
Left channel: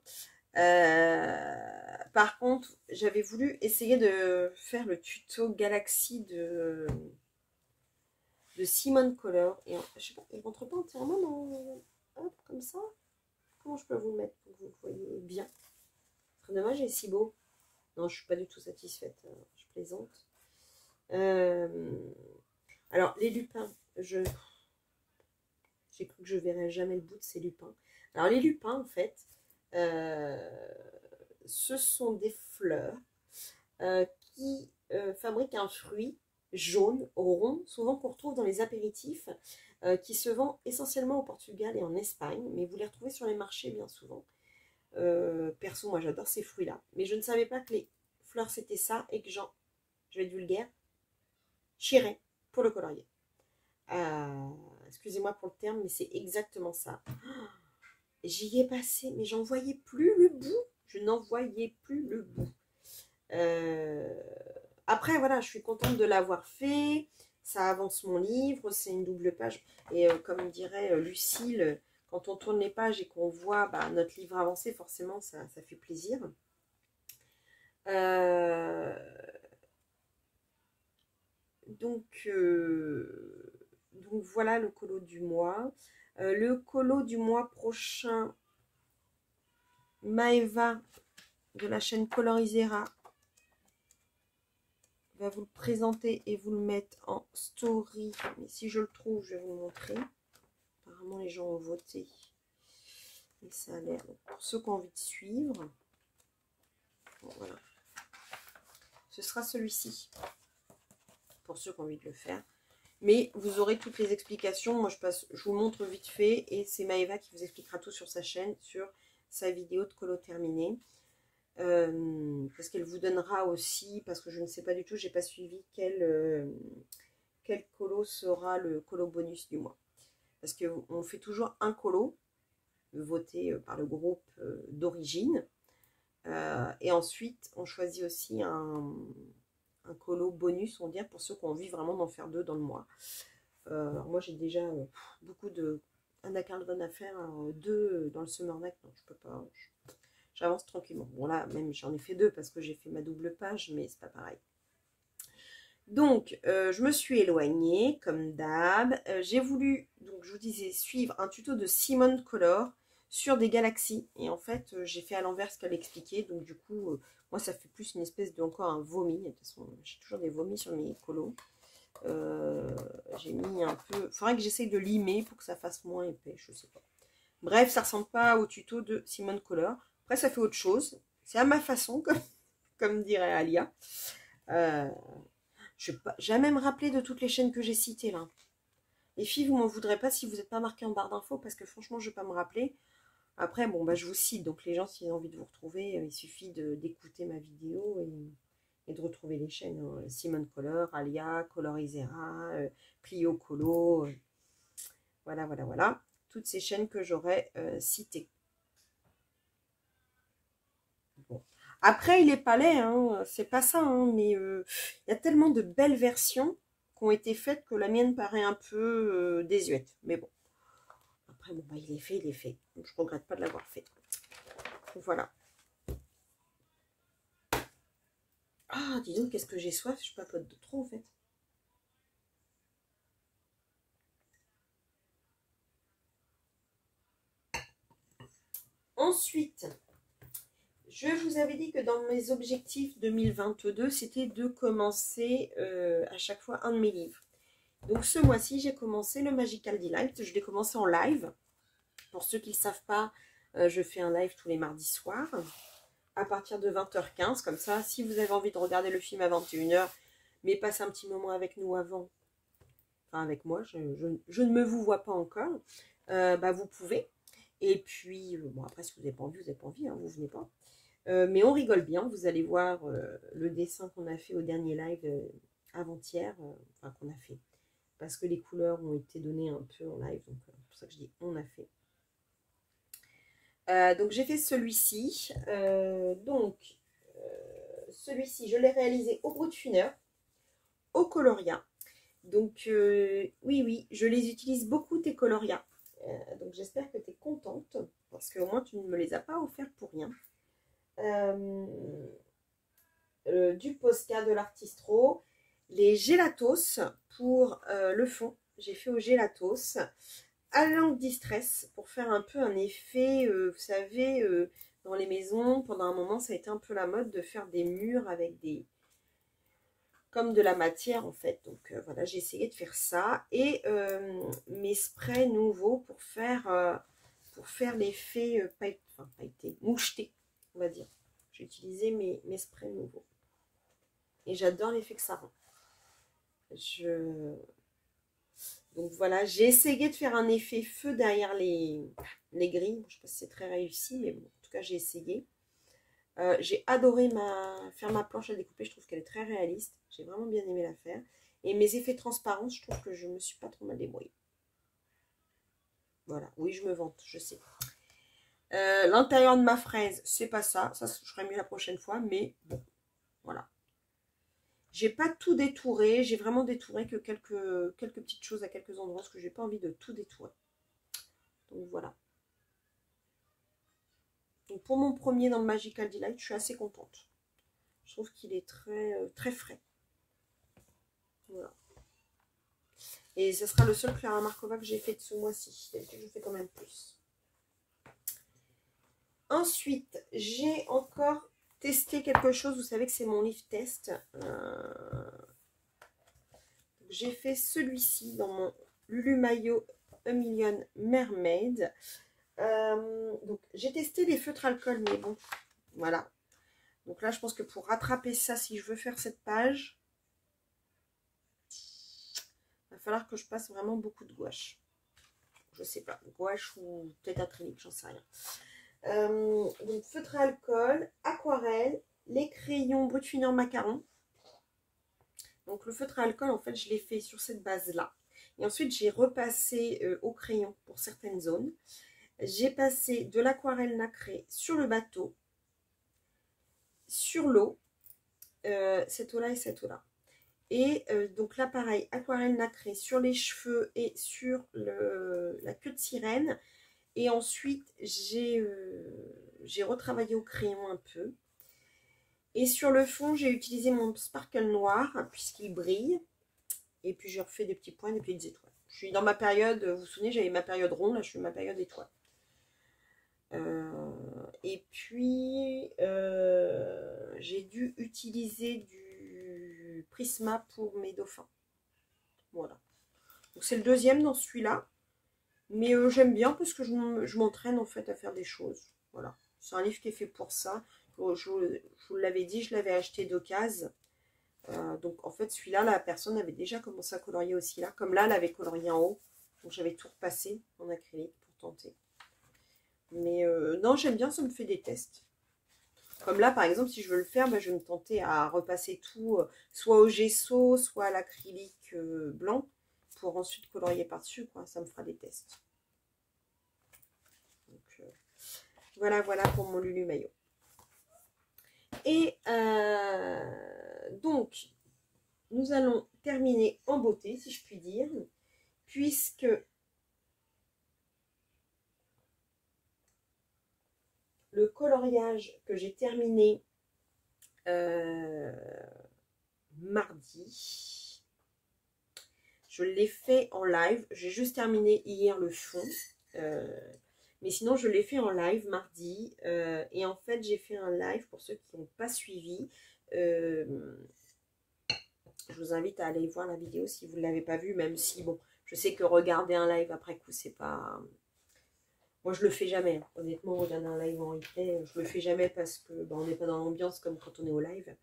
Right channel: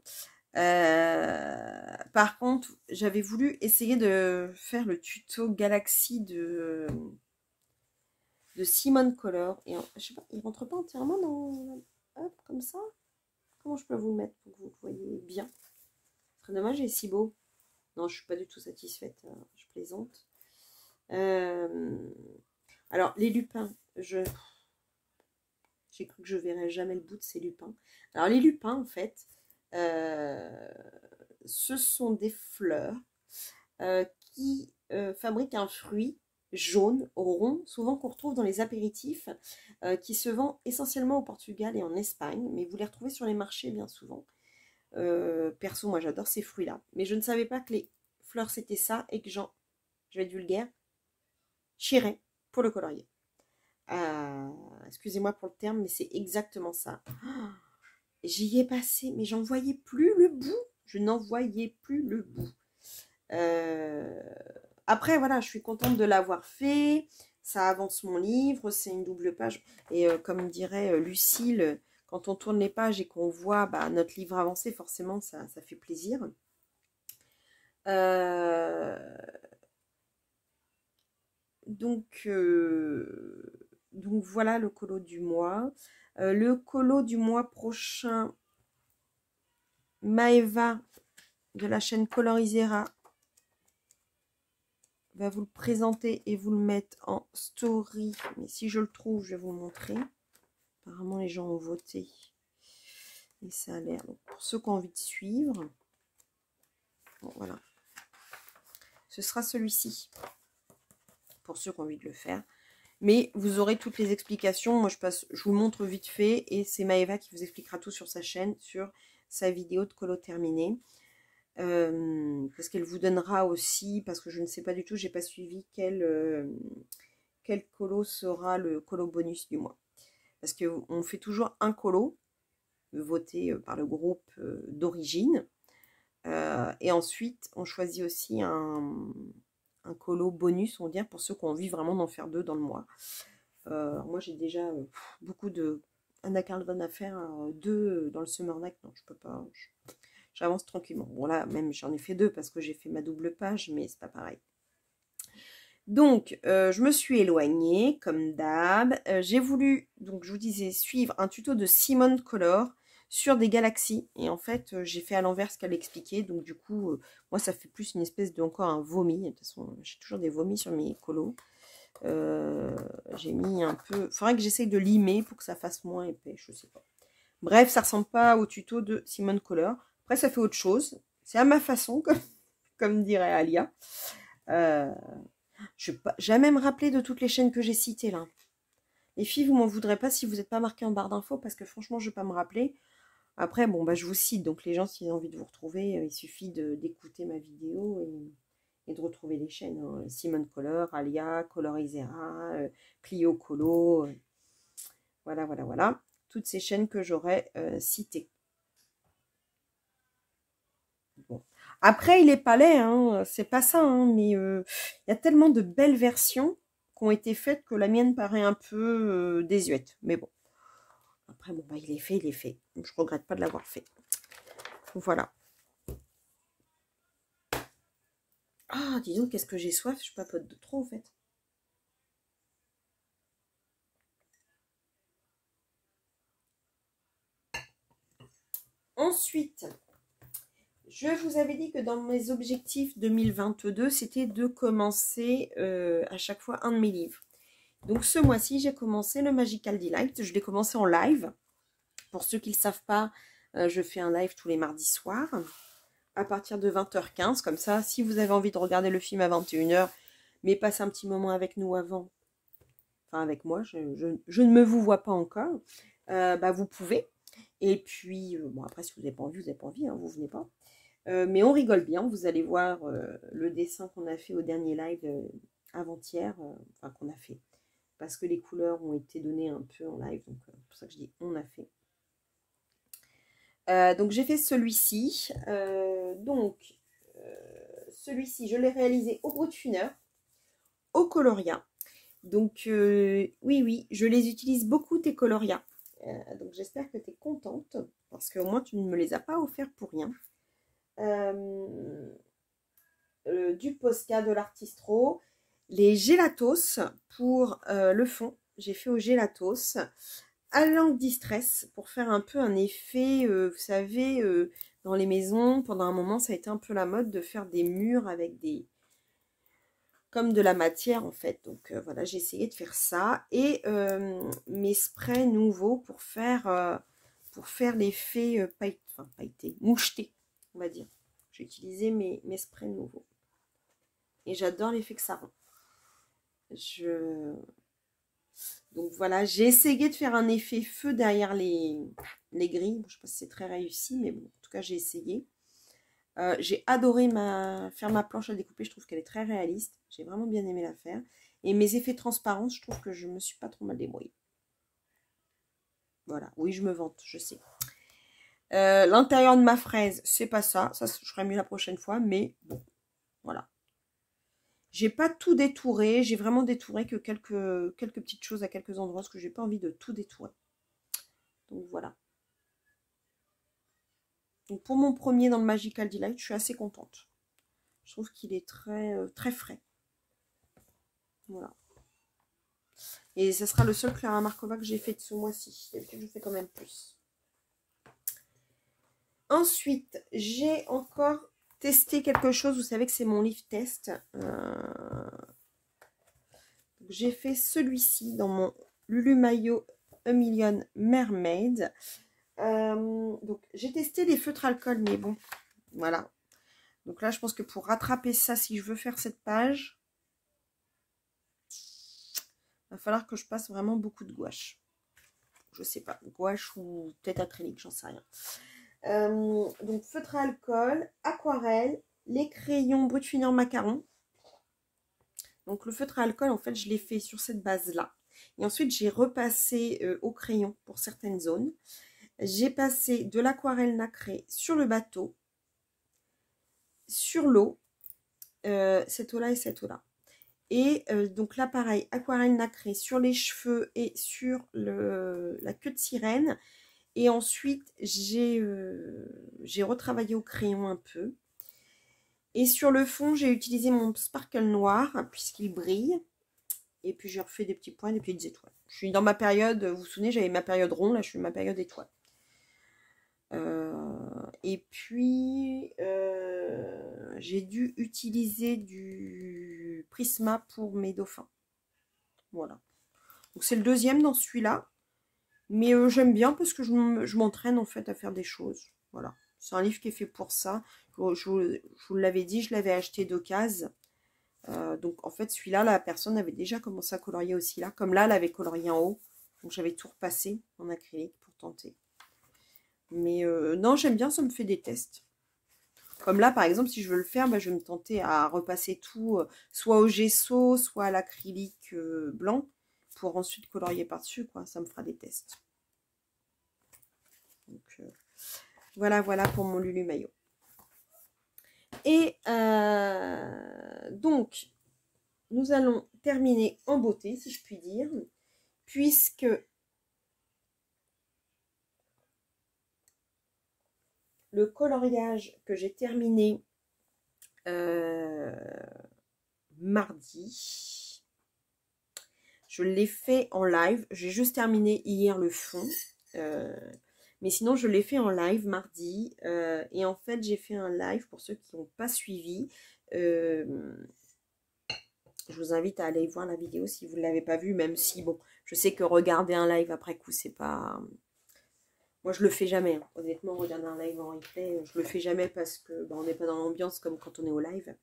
Par contre, j'avais voulu essayer de faire le tuto Galaxy de Simone Color. Et je sais pas, il rentre pas entièrement dans... Hop, comme ça. Comment je peux vous le mettre pour que vous voyez bien? Très dommage, il est si beau. Non, je suis pas du tout satisfaite, hein, je plaisante. Alors, les lupins, j'ai cru que je verrais jamais le bout de ces lupins. Alors, les lupins, en fait, ce sont des fleurs qui fabriquent un fruit jaune, rond, souvent qu'on retrouve dans les apéritifs, qui se vend essentiellement au Portugal et en Espagne, mais vous les retrouvez sur les marchés bien souvent. Perso, moi j'adore ces fruits-là, mais je ne savais pas que les fleurs c'était ça, et que je vais être vulgaire, chirais pour le colorier. Excusez-moi pour le terme, mais c'est exactement ça. J'y ai passé, mais j'en voyais plus le bout. Je n'en voyais plus le bout. Après, voilà, je suis contente de l'avoir fait. Ça avance mon livre, c'est une double page. Et comme dirait Lucille, quand on tourne les pages et qu'on voit notre livre avancer, forcément, ça fait plaisir. Donc donc voilà le colo du mois. Le colo du mois prochain, Maeva de la chaîne Colorisera va vous le présenter et vous le mettre en story. Mais si je le trouve, je vais vous le montrer. Apparemment, les gens ont voté. Et ça a l'air. Pour ceux qui ont envie de suivre, bon, voilà. Ce sera celui-ci. Pour ceux qui ont envie de le faire. Mais vous aurez toutes les explications. Moi, je vous montre vite fait. Et c'est Maeva qui vous expliquera tout sur sa chaîne, sur sa vidéo de colo terminée. Parce qu'elle vous donnera aussi, parce que je ne sais pas du tout, j'ai pas suivi quel colo sera le colo bonus du mois. Parce qu'on fait toujours un colo, voté par le groupe d'origine. Et ensuite, on choisit aussi un colo bonus, on va dire, pour ceux qui ont envie vraiment d'en faire 2 dans le mois. Moi, j'ai déjà beaucoup de Anna Carlton à faire, 2 dans le Summer Night. Non, je peux pas. J'avance tranquillement. Bon, là, même, j'en ai fait 2 parce que j'ai fait ma double page, mais c'est pas pareil. Donc, je me suis éloignée, comme d'hab. J'ai voulu, donc je vous disais, suivre un tuto de Simone Color sur des galaxies. Et en fait, j'ai fait à l'envers ce qu'elle expliquait. Donc, du coup, moi, ça fait plus une espèce de, encore un vomi. De toute façon, j'ai toujours des vomis sur mes colos. J'ai mis un peu... Il faudrait que j'essaye de limer pour que ça fasse moins épais, je sais pas. Bref, ça ressemble pas au tuto de Simone Color. Après, ça fait autre chose. C'est à ma façon, comme dirait Alia. Je vais pas jamais me rappeler de toutes les chaînes que j'ai citées là. Les filles, vous m'en voudrez pas si vous n'êtes pas marqué en barre d'infos parce que franchement, je ne vais pas me rappeler. Après, bon, bah, je vous cite. Donc, les gens, s'ils ont envie de vous retrouver, il suffit d'écouter ma vidéo et de retrouver les chaînes. Hein. Simone Color, Alia, Colorisera, Clio Colo. Voilà, voilà, voilà. Toutes ces chaînes que j'aurais citées. Bon. Après, il est pas laid, hein, c'est pas ça, hein, mais il y a tellement de belles versions qui ont été faites que la mienne paraît un peu désuète. Mais bon, après, bon, bah, il est fait, il est fait. Je regrette pas de l'avoir fait. Voilà. Ah, dis donc, qu'est-ce que j'ai soif, je papote de trop en fait. Ensuite, je vous avais dit que dans mes objectifs 2022, c'était de commencer à chaque fois un de mes livres. Donc ce mois-ci, j'ai commencé le Magical Delight. Je l'ai commencé en live. Pour ceux qui ne le savent pas, je fais un live tous les mardis soirs à partir de 20h15. Comme ça, si vous avez envie de regarder le film à 21h, mais passer un petit moment avec nous avant, enfin avec moi, je ne me vous vois pas encore, bah vous pouvez. Et puis, bon après, si vous n'avez pas envie, vous n'avez pas envie, hein, vous venez pas. Mais on rigole bien, vous allez voir le dessin qu'on a fait au dernier live avant-hier, enfin qu'on a fait. Parce que les couleurs ont été données un peu en live, donc c'est pour ça que je dis on a fait. Donc j'ai fait celui-ci. Celui-ci, je l'ai réalisé au bout de une heure, au Coloria. Donc oui, je les utilise beaucoup tes Coloria. Donc j'espère que tu es contente, parce qu'au moins tu ne me les as pas offerts pour rien. Du Posca, de l'Artistro, les Gelatos pour le fond. J'ai fait au Gelatos. À l'angle distress pour faire un peu un effet, vous savez, dans les maisons, pendant un moment, ça a été un peu la mode de faire des murs avec des... comme de la matière en fait. Donc voilà, j'ai essayé de faire ça. Et mes sprays nouveaux pour faire l'effet pailleté, moucheté, on va dire. J'ai utilisé mes sprays nouveaux. Et j'adore l'effet que ça rend. Donc voilà, j'ai essayé de faire un effet feu derrière les grilles. Je ne sais pas si c'est très réussi, mais bon, en tout cas, j'ai essayé. J'ai adoré faire ma planche à découper. Je trouve qu'elle est très réaliste. J'ai vraiment bien aimé la faire. Et mes effets transparents, je trouve que je ne me suis pas trop mal débrouillée. Voilà, oui, je me vante, je sais. L'intérieur de ma fraise, c'est pas ça. Ça, je ferai mieux la prochaine fois, mais bon, voilà. J'ai pas tout détouré, j'ai vraiment détouré que quelques petites choses à quelques endroits, parce que j'ai pas envie de tout détourer. Donc voilà. Donc pour mon premier dans le Magical Delight, je suis assez contente. Je trouve qu'il est très, très frais. Voilà. Et ce sera le seul Clara Markova que j'ai fait de ce mois-ci. D'habitude, je fais quand même plus. Ensuite, j'ai encore testé quelque chose. Vous savez que c'est mon livre test. J'ai fait celui-ci dans mon Lulu Mayo A Million Mermaid. Donc, j'ai testé les feutres alcool, mais bon, voilà. Donc là, je pense que pour rattraper ça, si je veux faire cette page, il va falloir que je passe vraiment beaucoup de gouache. Je sais pas, gouache ou peut-être acrylique, j'en sais rien. Donc feutre à alcool, aquarelle, les crayons brut finir macaron. Donc le feutre à alcool, en fait, je l'ai fait sur cette base-là. Et ensuite, j'ai repassé au crayon pour certaines zones. J'ai passé de l'aquarelle nacrée sur le bateau, sur l'eau, cette eau-là et cette eau-là. Et donc là, pareil, aquarelle nacrée sur les cheveux et sur la queue de sirène. Et ensuite, j'ai retravaillé au crayon un peu. Et sur le fond, j'ai utilisé mon sparkle noir, puisqu'il brille. Et puis, j'ai refait des petits points, des petites étoiles. Je suis dans ma période, vous vous souvenez, j'avais ma période ronde, là, je suis ma période étoile. Et puis, j'ai dû utiliser du Prisma pour mes dauphins. Voilà. Donc, c'est le deuxième dans celui-là. Mais j'aime bien parce que je m'entraîne en fait à faire des choses. Voilà. C'est un livre qui est fait pour ça. Je vous l'avais dit, je l'avais acheté d'occasion. Donc en fait, celui-là, la personne avait déjà commencé à colorier aussi là. Comme là, elle avait colorié en haut. Donc j'avais tout repassé en acrylique pour tenter. Mais non, j'aime bien, ça me fait des tests. Comme là, par exemple, si je veux le faire, bah, je vais me tenter à repasser tout, soit au gesso, soit à l'acrylique blanc, pour ensuite colorier par-dessus, quoi. Ça me fera des tests. Donc, voilà pour mon Lulu Mayo. Et donc, nous allons terminer en beauté, si je puis dire, puisque le coloriage que j'ai terminé mardi, je l'ai fait en live. J'ai juste terminé hier le fond. Mais sinon, je l'ai fait en live mardi. Et en fait, j'ai fait un live pour ceux qui n'ont pas suivi. Je vous invite à aller voir la vidéo si vous ne l'avez pas vue, même si, bon, je sais que regarder un live après coup, c'est pas... Moi, je le fais jamais. Hein. Honnêtement, regarder un live en replay, je le fais jamais parce que on n'est pas dans l'ambiance comme quand on est au live.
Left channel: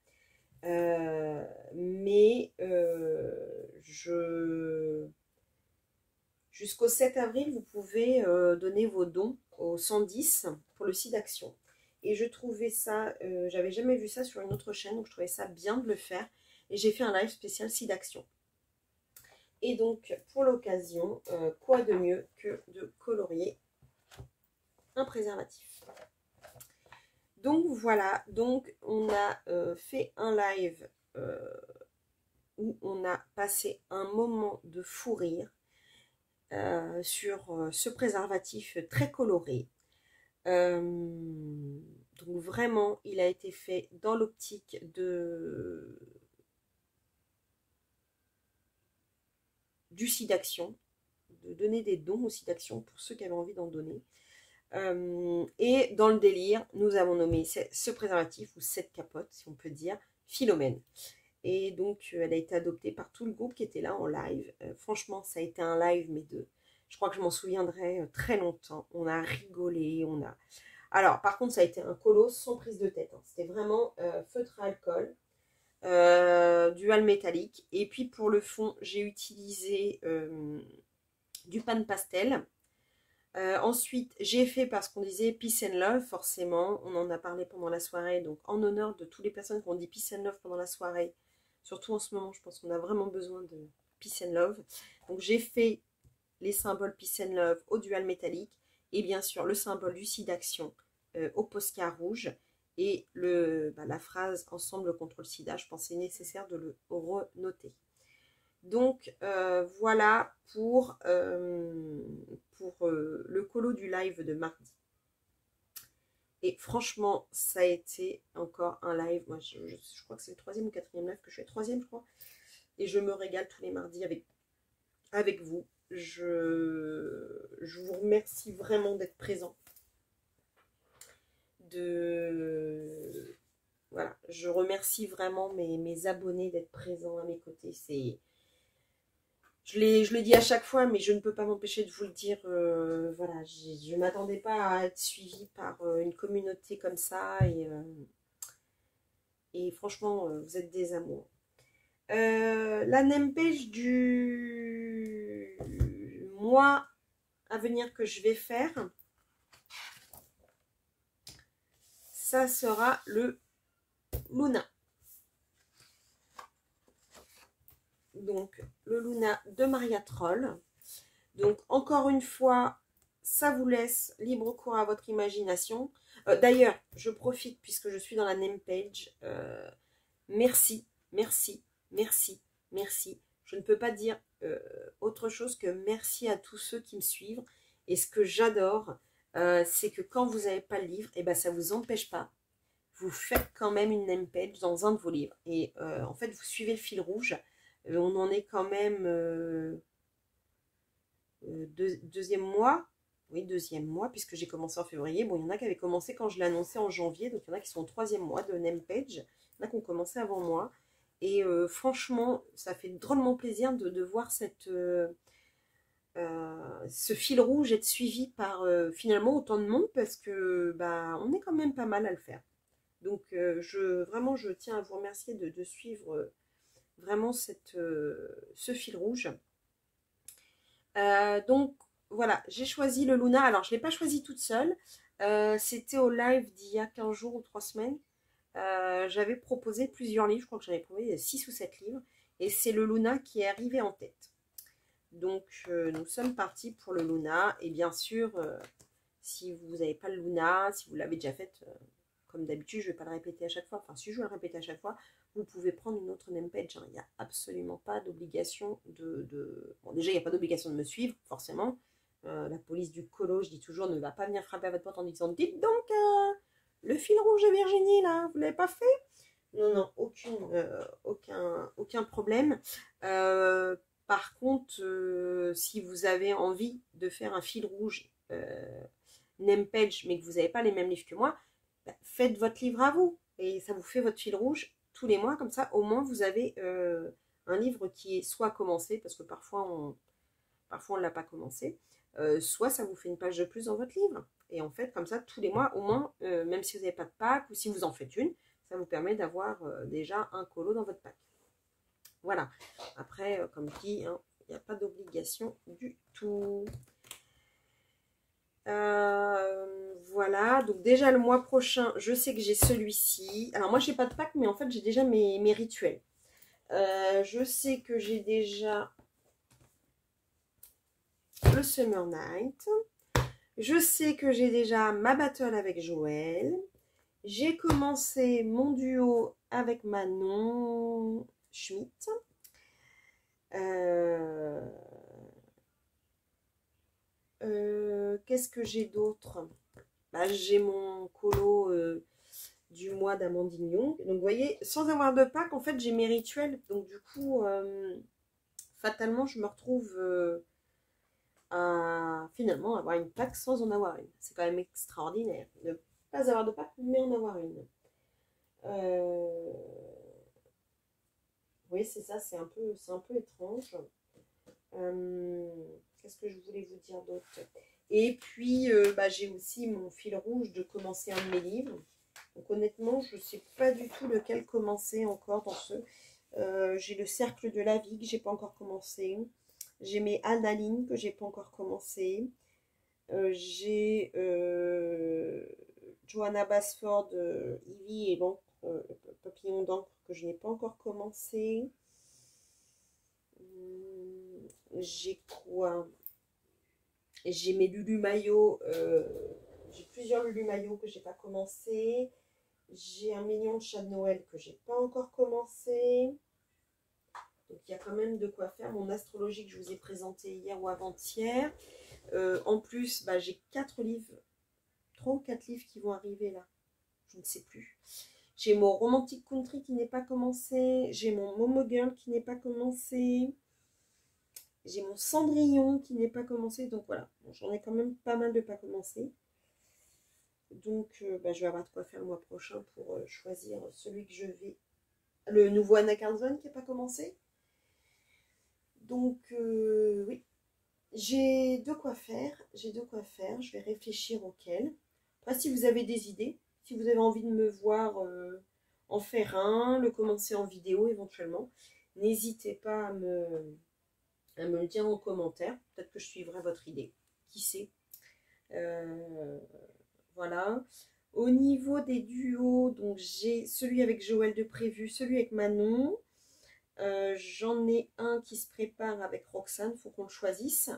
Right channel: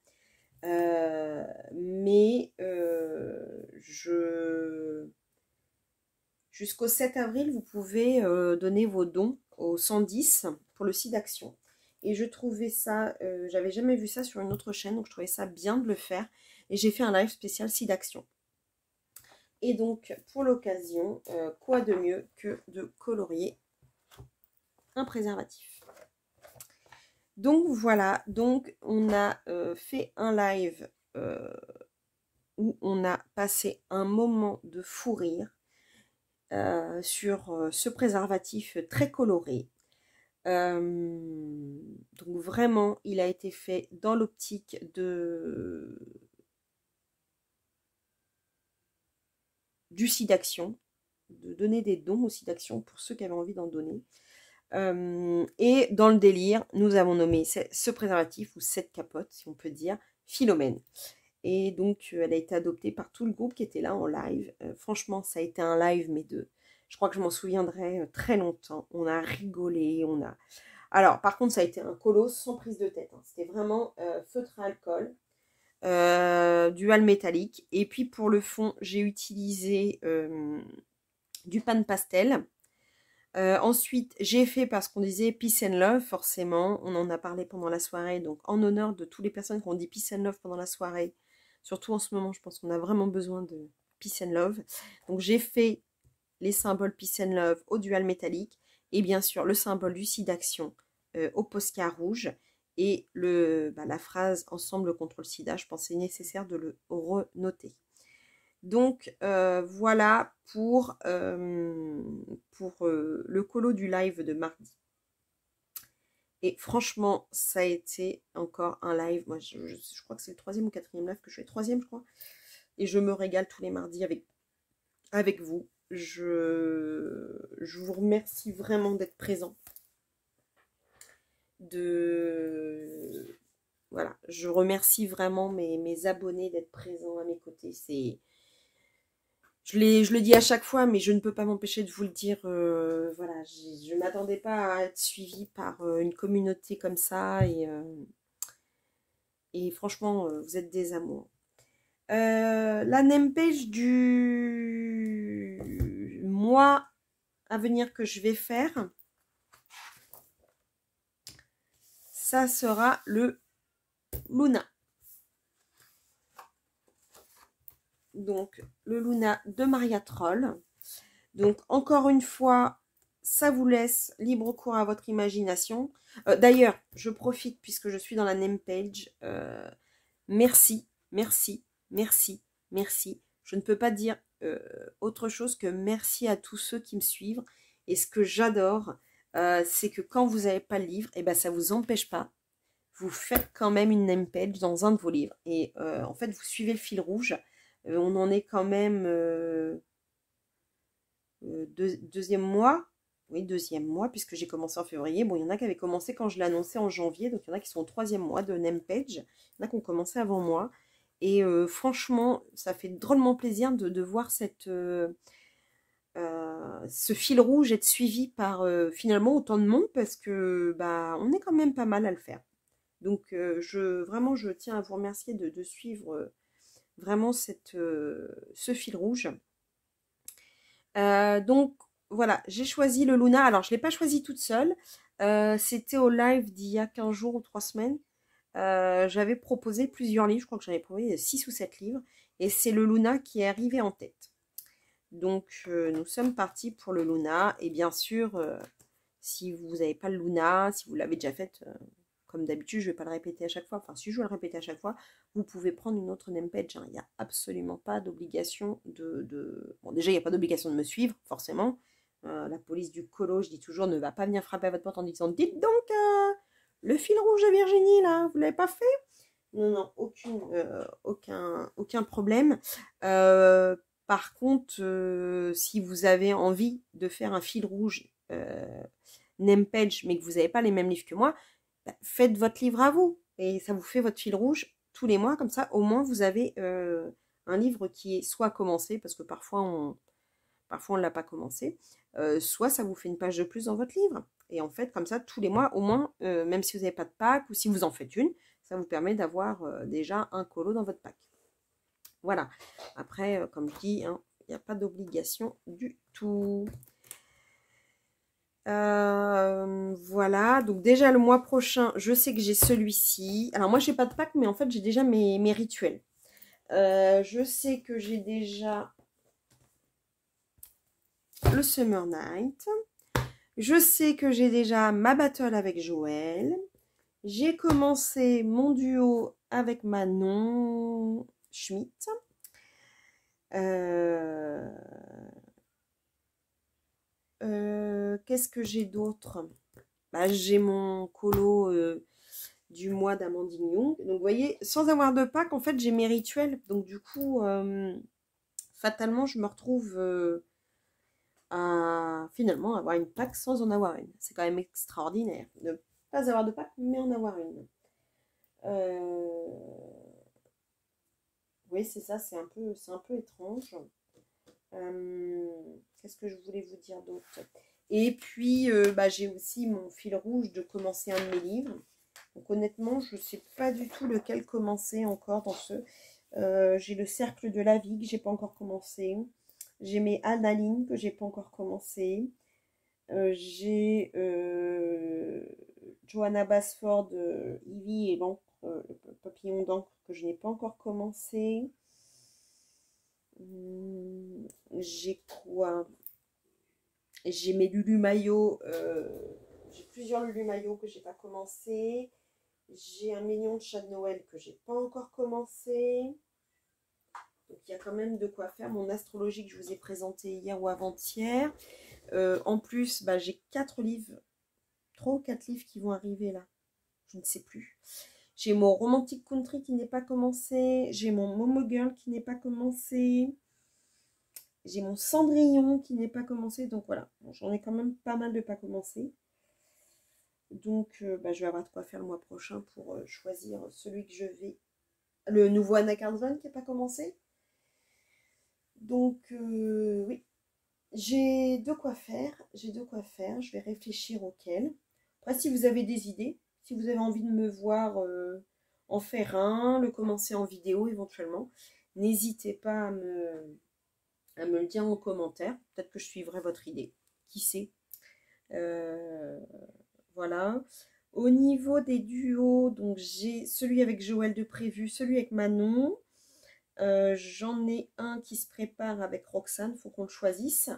Jusqu'au 7 avril, vous pouvez donner vos dons au 110 pour le site d'action. Et je trouvais ça, j'avais jamais vu ça sur une autre chaîne, donc je trouvais ça bien de le faire. Et j'ai fait un live spécial site d'action. Et donc, pour l'occasion, quoi de mieux que de colorier un préservatif. Donc voilà, donc on a fait un live où on a passé un moment de fou rire sur ce préservatif très coloré. Donc vraiment, il a été fait dans l'optique du site d'action, de donner des dons au site d'action pour ceux qui avaient envie d'en donner. Et dans le délire, nous avons nommé ce préservatif, ou cette capote, si on peut dire, Philomène. Et donc, elle a été adoptée par tout le groupe qui était là en live. Franchement, ça a été un live, mais je crois que je m'en souviendrai très longtemps. On a rigolé, Alors, par contre, ça a été un colosse sans prise de tête. Hein. C'était vraiment feutre à alcool, dual métallique. Et puis, pour le fond, j'ai utilisé du pan pastel. Ensuite, j'ai fait, parce qu'on disait Peace and Love, forcément, on en a parlé pendant la soirée, donc en honneur de toutes les personnes qui ont dit Peace and Love pendant la soirée, surtout en ce moment, je pense qu'on a vraiment besoin de Peace and Love. Donc j'ai fait les symboles Peace and Love au dual métallique, et bien sûr le symbole du site d'action au Posca rouge, et la phrase Ensemble contre le sida, je pense que c'est nécessaire de le renoter. Donc voilà pour le colo du live de mardi. Et franchement, ça a été encore un live. Moi, je crois que c'est le 3e ou 4e live que je fais. 3e, je crois. Et je me régale tous les mardis avec vous. Je vous remercie vraiment d'être présent. Voilà, je remercie vraiment mes abonnés d'être présents à mes côtés. Je le dis à chaque fois, mais je ne peux pas m'empêcher de vous le dire. Voilà, je ne m'attendais pas à être suivie par une communauté comme ça. Et franchement, vous êtes des amours. La name page du mois à venir que je vais faire, ça sera le Luna. Donc, le Luna de Maria Troll. Donc, encore une fois, ça vous laisse libre cours à votre imagination. D'ailleurs, je profite, puisque je suis dans la name page. Merci, merci, merci, merci. Je ne peux pas dire autre chose que merci à tous ceux qui me suivent. Et ce que j'adore, c'est que quand vous n'avez pas le livre, et ben ça ne vous empêche pas. Vous faites quand même une name page dans un de vos livres. Et en fait, vous suivez le fil rouge. On en est quand même deuxième mois. Oui, deuxième mois, puisque j'ai commencé en février. Bon, il y en a qui avaient commencé quand je l'ai annoncé en janvier. Donc, il y en a qui sont au troisième mois de name page. Il y en a qui ont commencé avant moi. Et franchement, ça fait drôlement plaisir de voir ce fil rouge être suivi par finalement autant de monde. Parce que bah, on est quand même pas mal à le faire. Donc, vraiment, je tiens à vous remercier de suivre vraiment ce fil rouge. Donc, voilà, j'ai choisi le Luna. Alors, je ne l'ai pas choisi toute seule. C'était au live d'il y a 15 jours ou 3 semaines. J'avais proposé plusieurs livres. Je crois que j'avais proposé 6 ou 7 livres. Et c'est le Luna qui est arrivé en tête. Donc, nous sommes partis pour le Luna. Et bien sûr, si vous n'avez pas le Luna, si vous l'avez déjà fait... comme d'habitude, je ne vais pas le répéter à chaque fois. Enfin, si je dois le répéter à chaque fois, vous pouvez prendre une autre name page. Il n'y a absolument pas d'obligation Bon, déjà, il n'y a pas d'obligation de me suivre, forcément. La police du colo, je dis toujours, ne va pas venir frapper à votre porte en disant « Dites donc, le fil rouge de Virginie, là, vous ne l'avez pas fait ?» Non, non, aucun problème. Par contre, si vous avez envie de faire un fil rouge name page, mais que vous n'avez pas les mêmes livres que moi, faites votre livre à vous et ça vous fait votre fil rouge tous les mois. Comme ça, au moins, vous avez un livre qui est soit commencé, parce que parfois on ne l'a pas commencé, soit ça vous fait une page de plus dans votre livre. Et en fait, comme ça, tous les mois, au moins, même si vous n'avez pas de pack ou si vous en faites une, ça vous permet d'avoir déjà un colo dans votre pack. Voilà. Après, comme dit, hein, il n'y a pas d'obligation du tout. Voilà, donc déjà le mois prochain, je sais que j'ai celui-ci. Alors moi, j'ai pas de pack, mais en fait, j'ai déjà mes rituels. Je sais que j'ai déjà le Summer Night. Je sais que j'ai déjà ma battle avec Joël. J'ai commencé mon duo avec Manon Schmitt. Qu'est-ce que j'ai d'autre? Bah, j'ai mon colo du mois d'Amandine Young. Donc, vous voyez, sans avoir de pack, en fait, j'ai mes rituels. Donc, du coup, fatalement, je me retrouve à finalement avoir une pack sans en avoir une. C'est quand même extraordinaire de ne pas avoir de pack, mais en avoir une. Oui, c'est ça, c'est un peu étrange. Qu'est-ce que je voulais vous dire d'autre? Et puis, bah, j'ai aussi mon fil rouge de commencer un de mes livres. Donc honnêtement, je ne sais pas du tout lequel commencer encore dans ce. J'ai le Cercle de la vie que j'ai pas encore commencé. J'ai mes Annalines que j'ai pas encore commencé. J'ai Johanna Basford, Ivy et l'encre, le papillon d'encre que je n'ai pas encore commencé. J'ai quoi? J'ai mes Lulu Maillot. J'ai plusieurs Lulu Maillot que j'ai pas commencé. J'ai un million de chats de Noël que j'ai pas encore commencé. Donc il y a quand même de quoi faire. Mon astrologie que je vous ai présenté hier ou avant-hier. En plus, bah, j'ai 4 livres, 3 ou 4 livres qui vont arriver là. Je ne sais plus. J'ai mon Romantic Country qui n'est pas commencé. J'ai mon Momo Girl qui n'est pas commencé. J'ai mon Cendrillon qui n'est pas commencé. Donc voilà, bon, j'en ai quand même pas mal de pas commencé. Donc je vais avoir de quoi faire le mois prochain pour choisir celui que je vais... Le nouveau Anna Carlson qui n'est pas commencé. Donc oui, j'ai de quoi faire. J'ai de quoi faire. Je vais réfléchir auquel. Après, si vous avez des idées, si vous avez envie de me voir en faire un, le commencer en vidéo éventuellement, n'hésitez pas à me le dire en commentaire. Peut-être que je suivrai votre idée. Qui sait. Voilà. Au niveau des duos, donc j'ai celui avec Joël de prévu, celui avec Manon. J'en ai un qui se prépare avec Roxane, il faut qu'on le choisisse.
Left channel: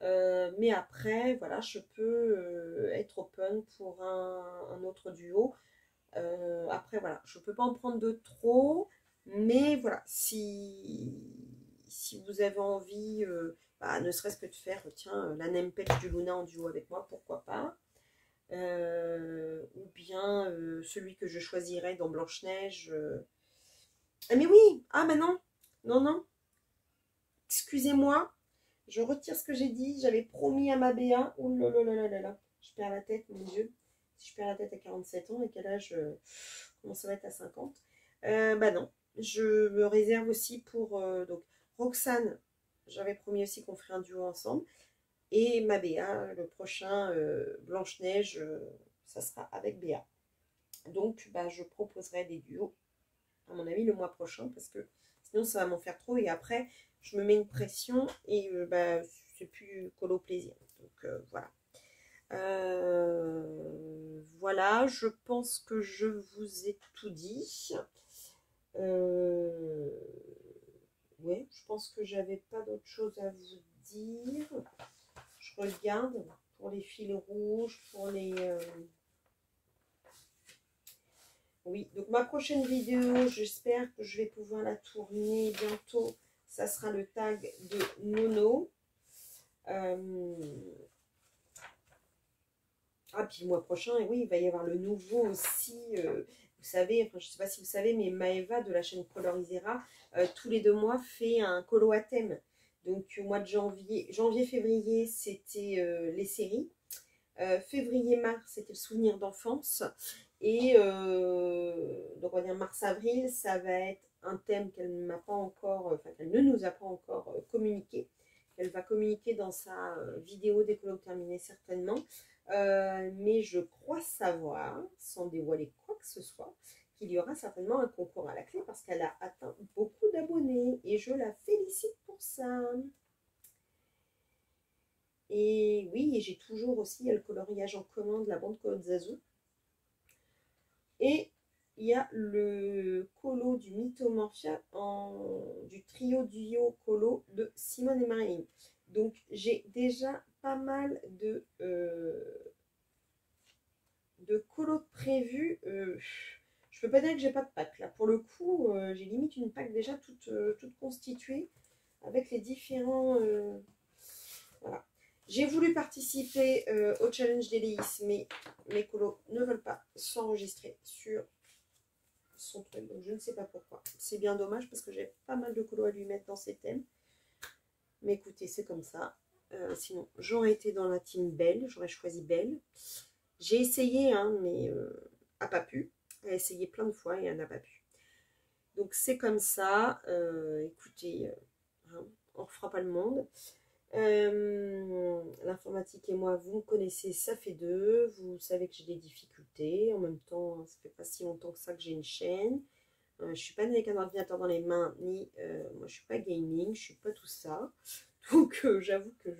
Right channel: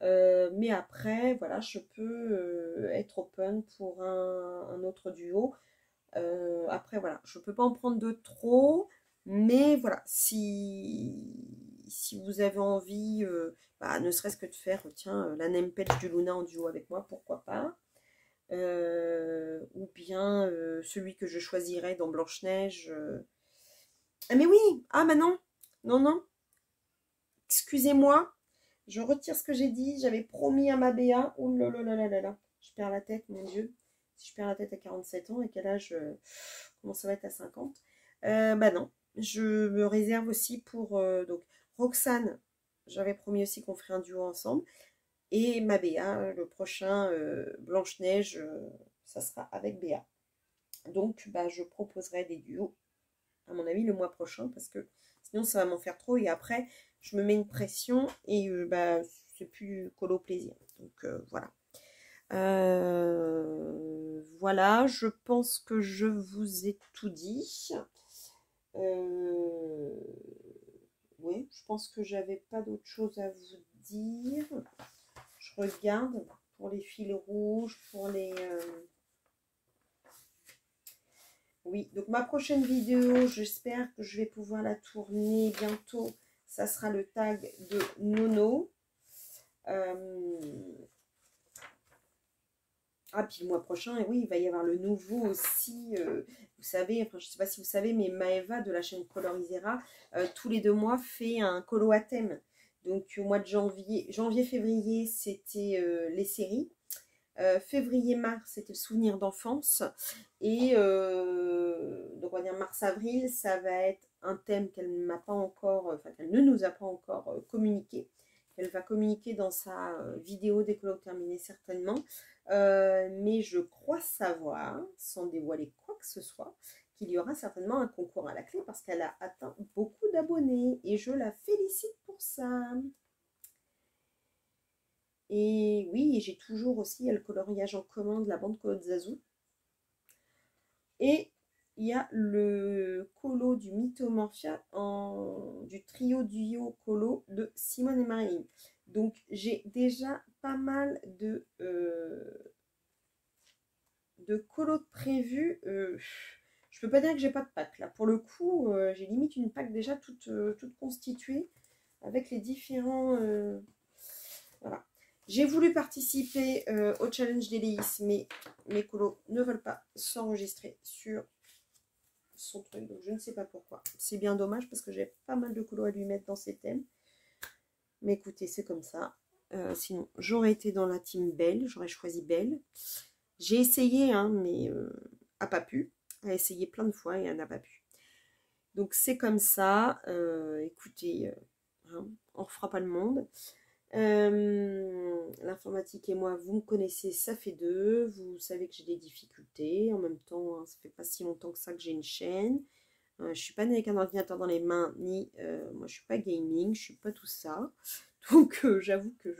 Mais après, voilà, je peux être open pour un autre duo. Après, voilà, je ne peux pas en prendre de trop. Mais voilà, si vous avez envie, ne serait-ce que de faire, tiens, la name page du Luna en duo avec moi, pourquoi pas. Ou bien celui que je choisirais dans Blanche-Neige. Ah mais oui, ah mais non, non, non, excusez-moi, je retire ce que j'ai dit, j'avais promis à ma Béa, oh là là là là là, je perds la tête, mon Dieu, si je perds la tête à 47 ans, et quel âge, comment ça va être à 50, bah non, je me réserve aussi pour, donc, Roxane, j'avais promis aussi qu'on ferait un duo ensemble, et ma Béa, le prochain Blanche-Neige, ça sera avec Béa. Donc, bah, je proposerai des duos, à mon avis, le mois prochain, parce que sinon, ça va m'en faire trop. Et après, je me mets une pression et bah, c'est plus colo plaisir. Donc, voilà. Voilà, je pense que je vous ai tout dit. Oui, je pense que j'avais pas d'autre chose à vous dire. Je regarde pour les fils rouges, pour les... Oui, donc ma prochaine vidéo, j'espère que je vais pouvoir la tourner bientôt. Ça sera le tag de Nono. Ah, puis le mois prochain, oui, il va y avoir le nouveau aussi. Vous savez, enfin, je ne sais pas si vous savez, mais Maëva de la chaîne Colorisera, tous les 2 mois, fait un colo à thème. Donc, au mois de janvier-février, c'était les séries. Février-mars, c'était le souvenir d'enfance. Et donc, on va dire mars-avril, ça va être un thème qu'elle m'a pas encore, enfin, qu'elle ne nous a pas encore communiqué. Elle va communiquer dans sa vidéo dès que l'on terminer certainement. Mais je crois savoir, sans dévoiler quoi que ce soit, qu'il y aura certainement un concours à la clé parce qu'elle a atteint beaucoup d'abonnés et je la félicite pour ça. Et oui, j'ai toujours aussi le coloriage en commun de la bande Colo de Zazu. Et il y a le colo du Mythomorphia du trio duo colo de Simone et Marilyn. Donc j'ai déjà pas mal de colos prévus. Je peux pas dire que j'ai pas de pack là. Pour le coup, j'ai limite une pack déjà toute constituée avec les différents... voilà. J'ai voulu participer au challenge d'Élise, mais mes colos ne veulent pas s'enregistrer sur son truc, donc je ne sais pas pourquoi. C'est bien dommage parce que j'ai pas mal de colos à lui mettre dans ses thèmes. Mais écoutez, c'est comme ça. Sinon, j'aurais été dans la team Belle, j'aurais choisi Belle. J'ai essayé, hein, mais a pas pu. Elle a essayé plein de fois et elle n'a pas pu. Donc c'est comme ça. Écoutez, hein, on ne refera pas le monde. L'informatique et moi, vous me connaissez, ça fait 2. Vous savez que j'ai des difficultés. En même temps, hein, ça fait pas si longtemps que ça que j'ai une chaîne. Je ne suis pas née avec un ordinateur dans les mains, ni moi je suis pas gaming, je suis pas tout ça. Donc j'avoue que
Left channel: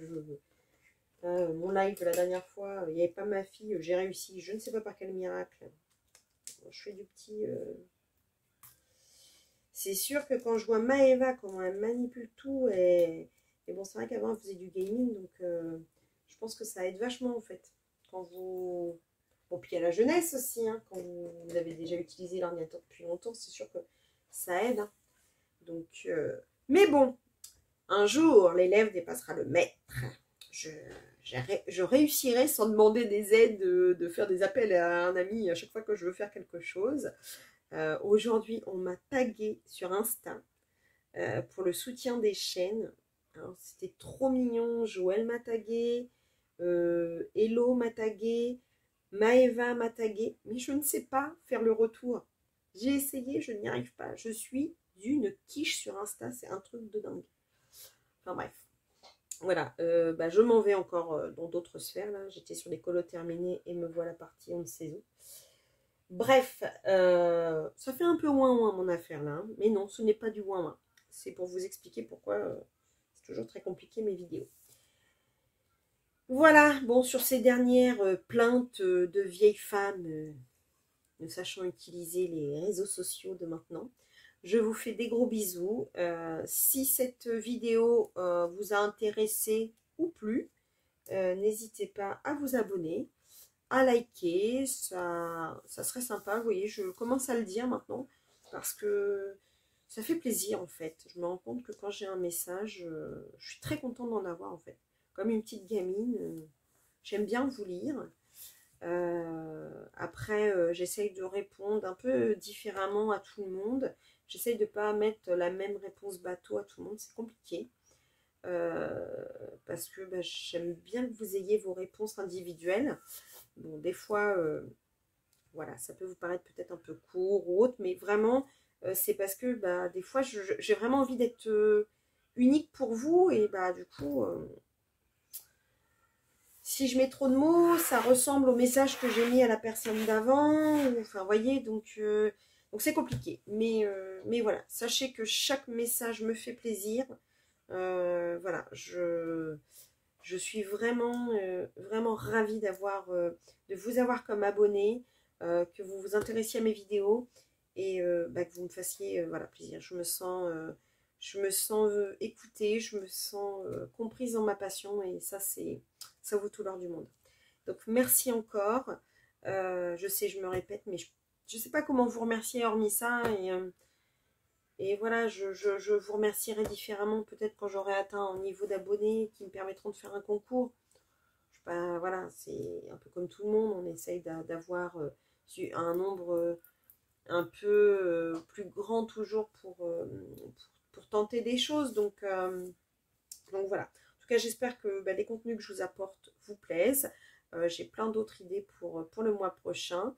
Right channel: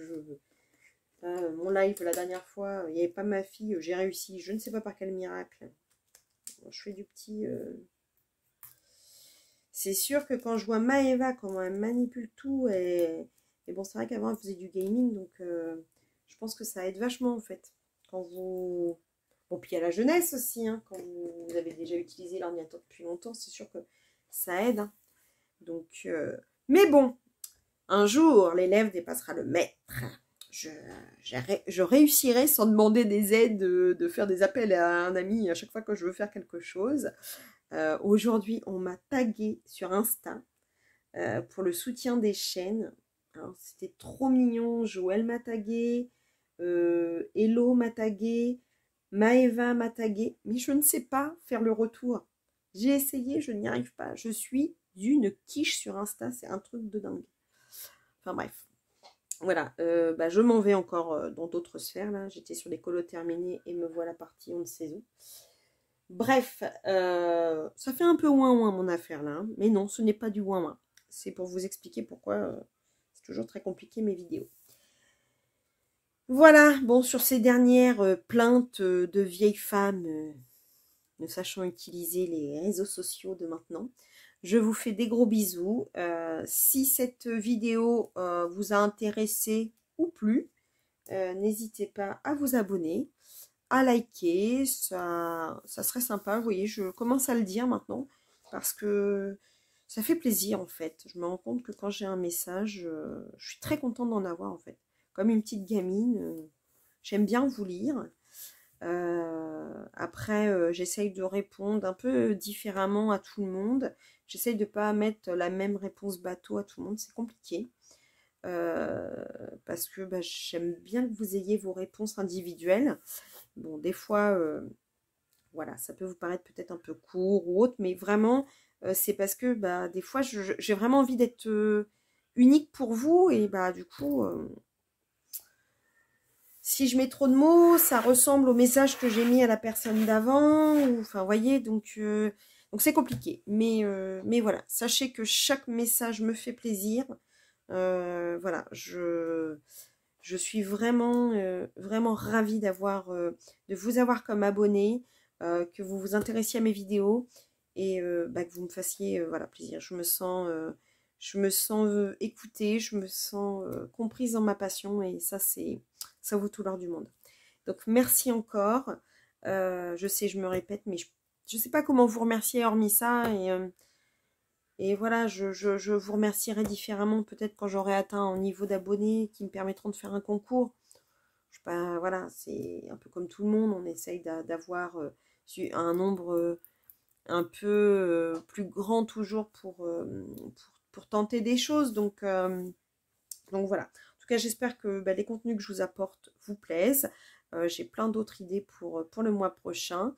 mon live la dernière fois, il n'y avait pas ma fille, j'ai réussi, je ne sais pas par quel miracle. Je fais du petit... C'est sûr que quand je vois Maëva, comment elle manipule tout, et bon, c'est vrai qu'avant elle faisait du gaming, donc je pense que ça aide vachement en fait. Quand vous... Bon, puis il y a la jeunesse aussi, hein, quand vous avez déjà utilisé l'ordinateur depuis longtemps, c'est sûr que ça aide. Hein. Donc, mais bon, un jour, l'élève dépassera le maître. Je réussirai sans demander des aides, de faire des appels à un ami à chaque fois que je veux faire quelque chose. Aujourd'hui, on m'a tagué sur Insta pour le soutien des chaînes. Alors, c'était trop mignon. Joël m'a tagué, Hello m'a tagué, Maëva m'a tagué, mais je ne sais pas faire le retour. J'ai essayé, je n'y arrive pas. Je suis d'une quiche sur Insta, c'est un truc de dingue. Enfin bref. Voilà, je m'en vais encore dans d'autres sphères là. J'étais sur des colos terminés et me voilà partie on ne sait où. Bref, ça fait un peu ouin-ouin mon affaire là, hein. Mais non, ce n'est pas du ouin-ouin. C'est pour vous expliquer pourquoi c'est toujours très compliqué mes vidéos. Voilà, bon, sur ces dernières plaintes de vieilles femmes ne sachant utiliser les réseaux sociaux de maintenant, je vous fais des gros bisous. Si cette vidéo vous a intéressé ou plu, n'hésitez pas à vous abonner, à liker, ça serait sympa. Vous voyez, je commence à le dire maintenant parce que ça fait plaisir en fait. Je me rends compte que quand j'ai un message, je suis très contente d'en avoir en fait. Comme une petite gamine, j'aime bien vous lire. Après, j'essaye de répondre un peu différemment à tout le monde. J'essaye de ne pas mettre la même réponse bateau à tout le monde, c'est compliqué. Parce que j'aime bien que vous ayez vos réponses individuelles. Bon, des fois, voilà, ça peut vous paraître peut-être un peu court ou autre, mais vraiment, c'est parce que des fois, j'ai vraiment envie d'être unique pour vous. Et du coup, si je mets trop de mots, ça ressemble au message que j'ai mis à la personne d'avant. Enfin, vous voyez, donc c'est compliqué. Mais voilà, sachez que chaque message me fait plaisir. Voilà, je suis vraiment, vraiment ravie de vous avoir comme abonné, que vous vous intéressiez à mes vidéos et que vous me fassiez voilà, plaisir. Je me sens écoutée, je me sens comprise dans ma passion et ça vaut tout l'or du monde. Donc merci encore. Je sais, je me répète, mais je ne sais pas comment vous remercier hormis ça et voilà, je vous remercierai différemment peut-être quand j'aurai atteint un niveau d'abonnés qui me permettront de faire un concours. Je sais pas, voilà, c'est un peu comme tout le monde, on essaye d'avoir un nombre un peu plus grand toujours pour tenter des choses. Donc voilà. En tout cas, j'espère que les contenus que je vous apporte vous plaisent. J'ai plein d'autres idées pour le mois prochain.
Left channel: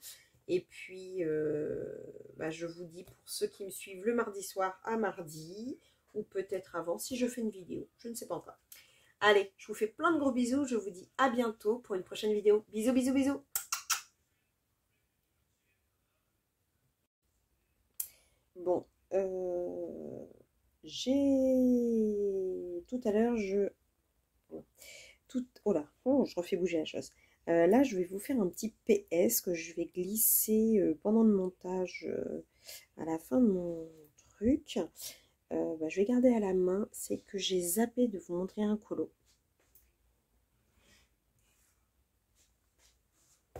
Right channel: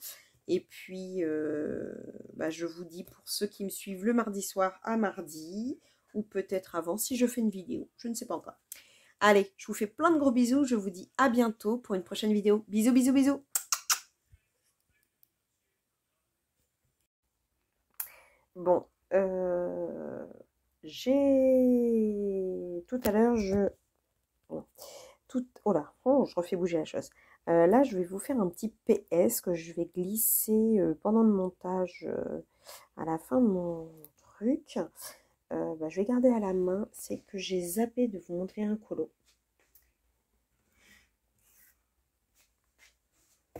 Et puis, je vous dis pour ceux qui me suivent le mardi soir à mardi, ou peut-être avant si je fais une vidéo, je ne sais pas encore. Allez, je vous fais plein de gros bisous, je vous dis à bientôt pour une prochaine vidéo. Bisous, bisous, bisous. Bon, j'ai... Tout à l'heure, Oh là, oh, je refais bouger la chose. Là, je vais vous faire un petit PS que je vais glisser pendant le montage à la fin de mon truc. Je vais garder à la main. C'est que j'ai zappé de vous montrer un colo.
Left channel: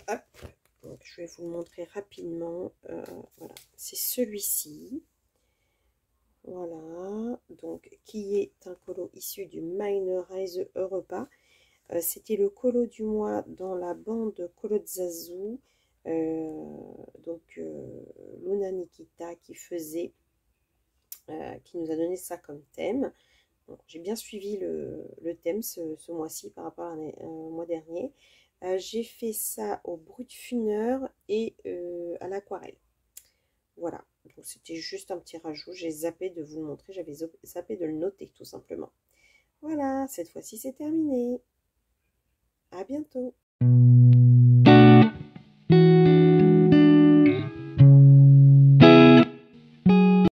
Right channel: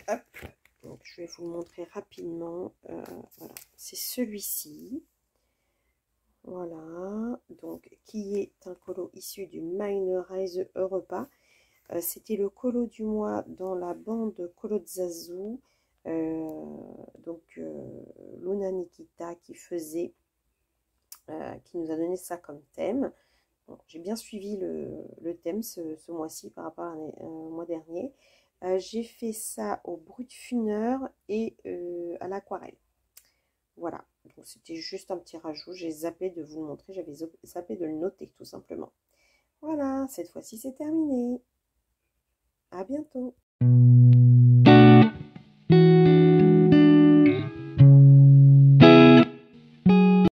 Hop, donc je vais vous le montrer rapidement. Voilà, c'est celui-ci. Voilà, donc qui est un colo issu du Minorize Europa. C'était le colo du mois dans la bande Colo de Zazu. Luna Nikita qui nous a donné ça comme thème. J'ai bien suivi le thème ce mois-ci par rapport au mois dernier. J'ai fait ça au brut funeur et à l'aquarelle. Voilà, donc c'était juste un petit rajout. J'ai zappé de vous le montrer, j'avais zappé de le noter tout simplement. Voilà, cette fois-ci c'est terminé. À bientôt.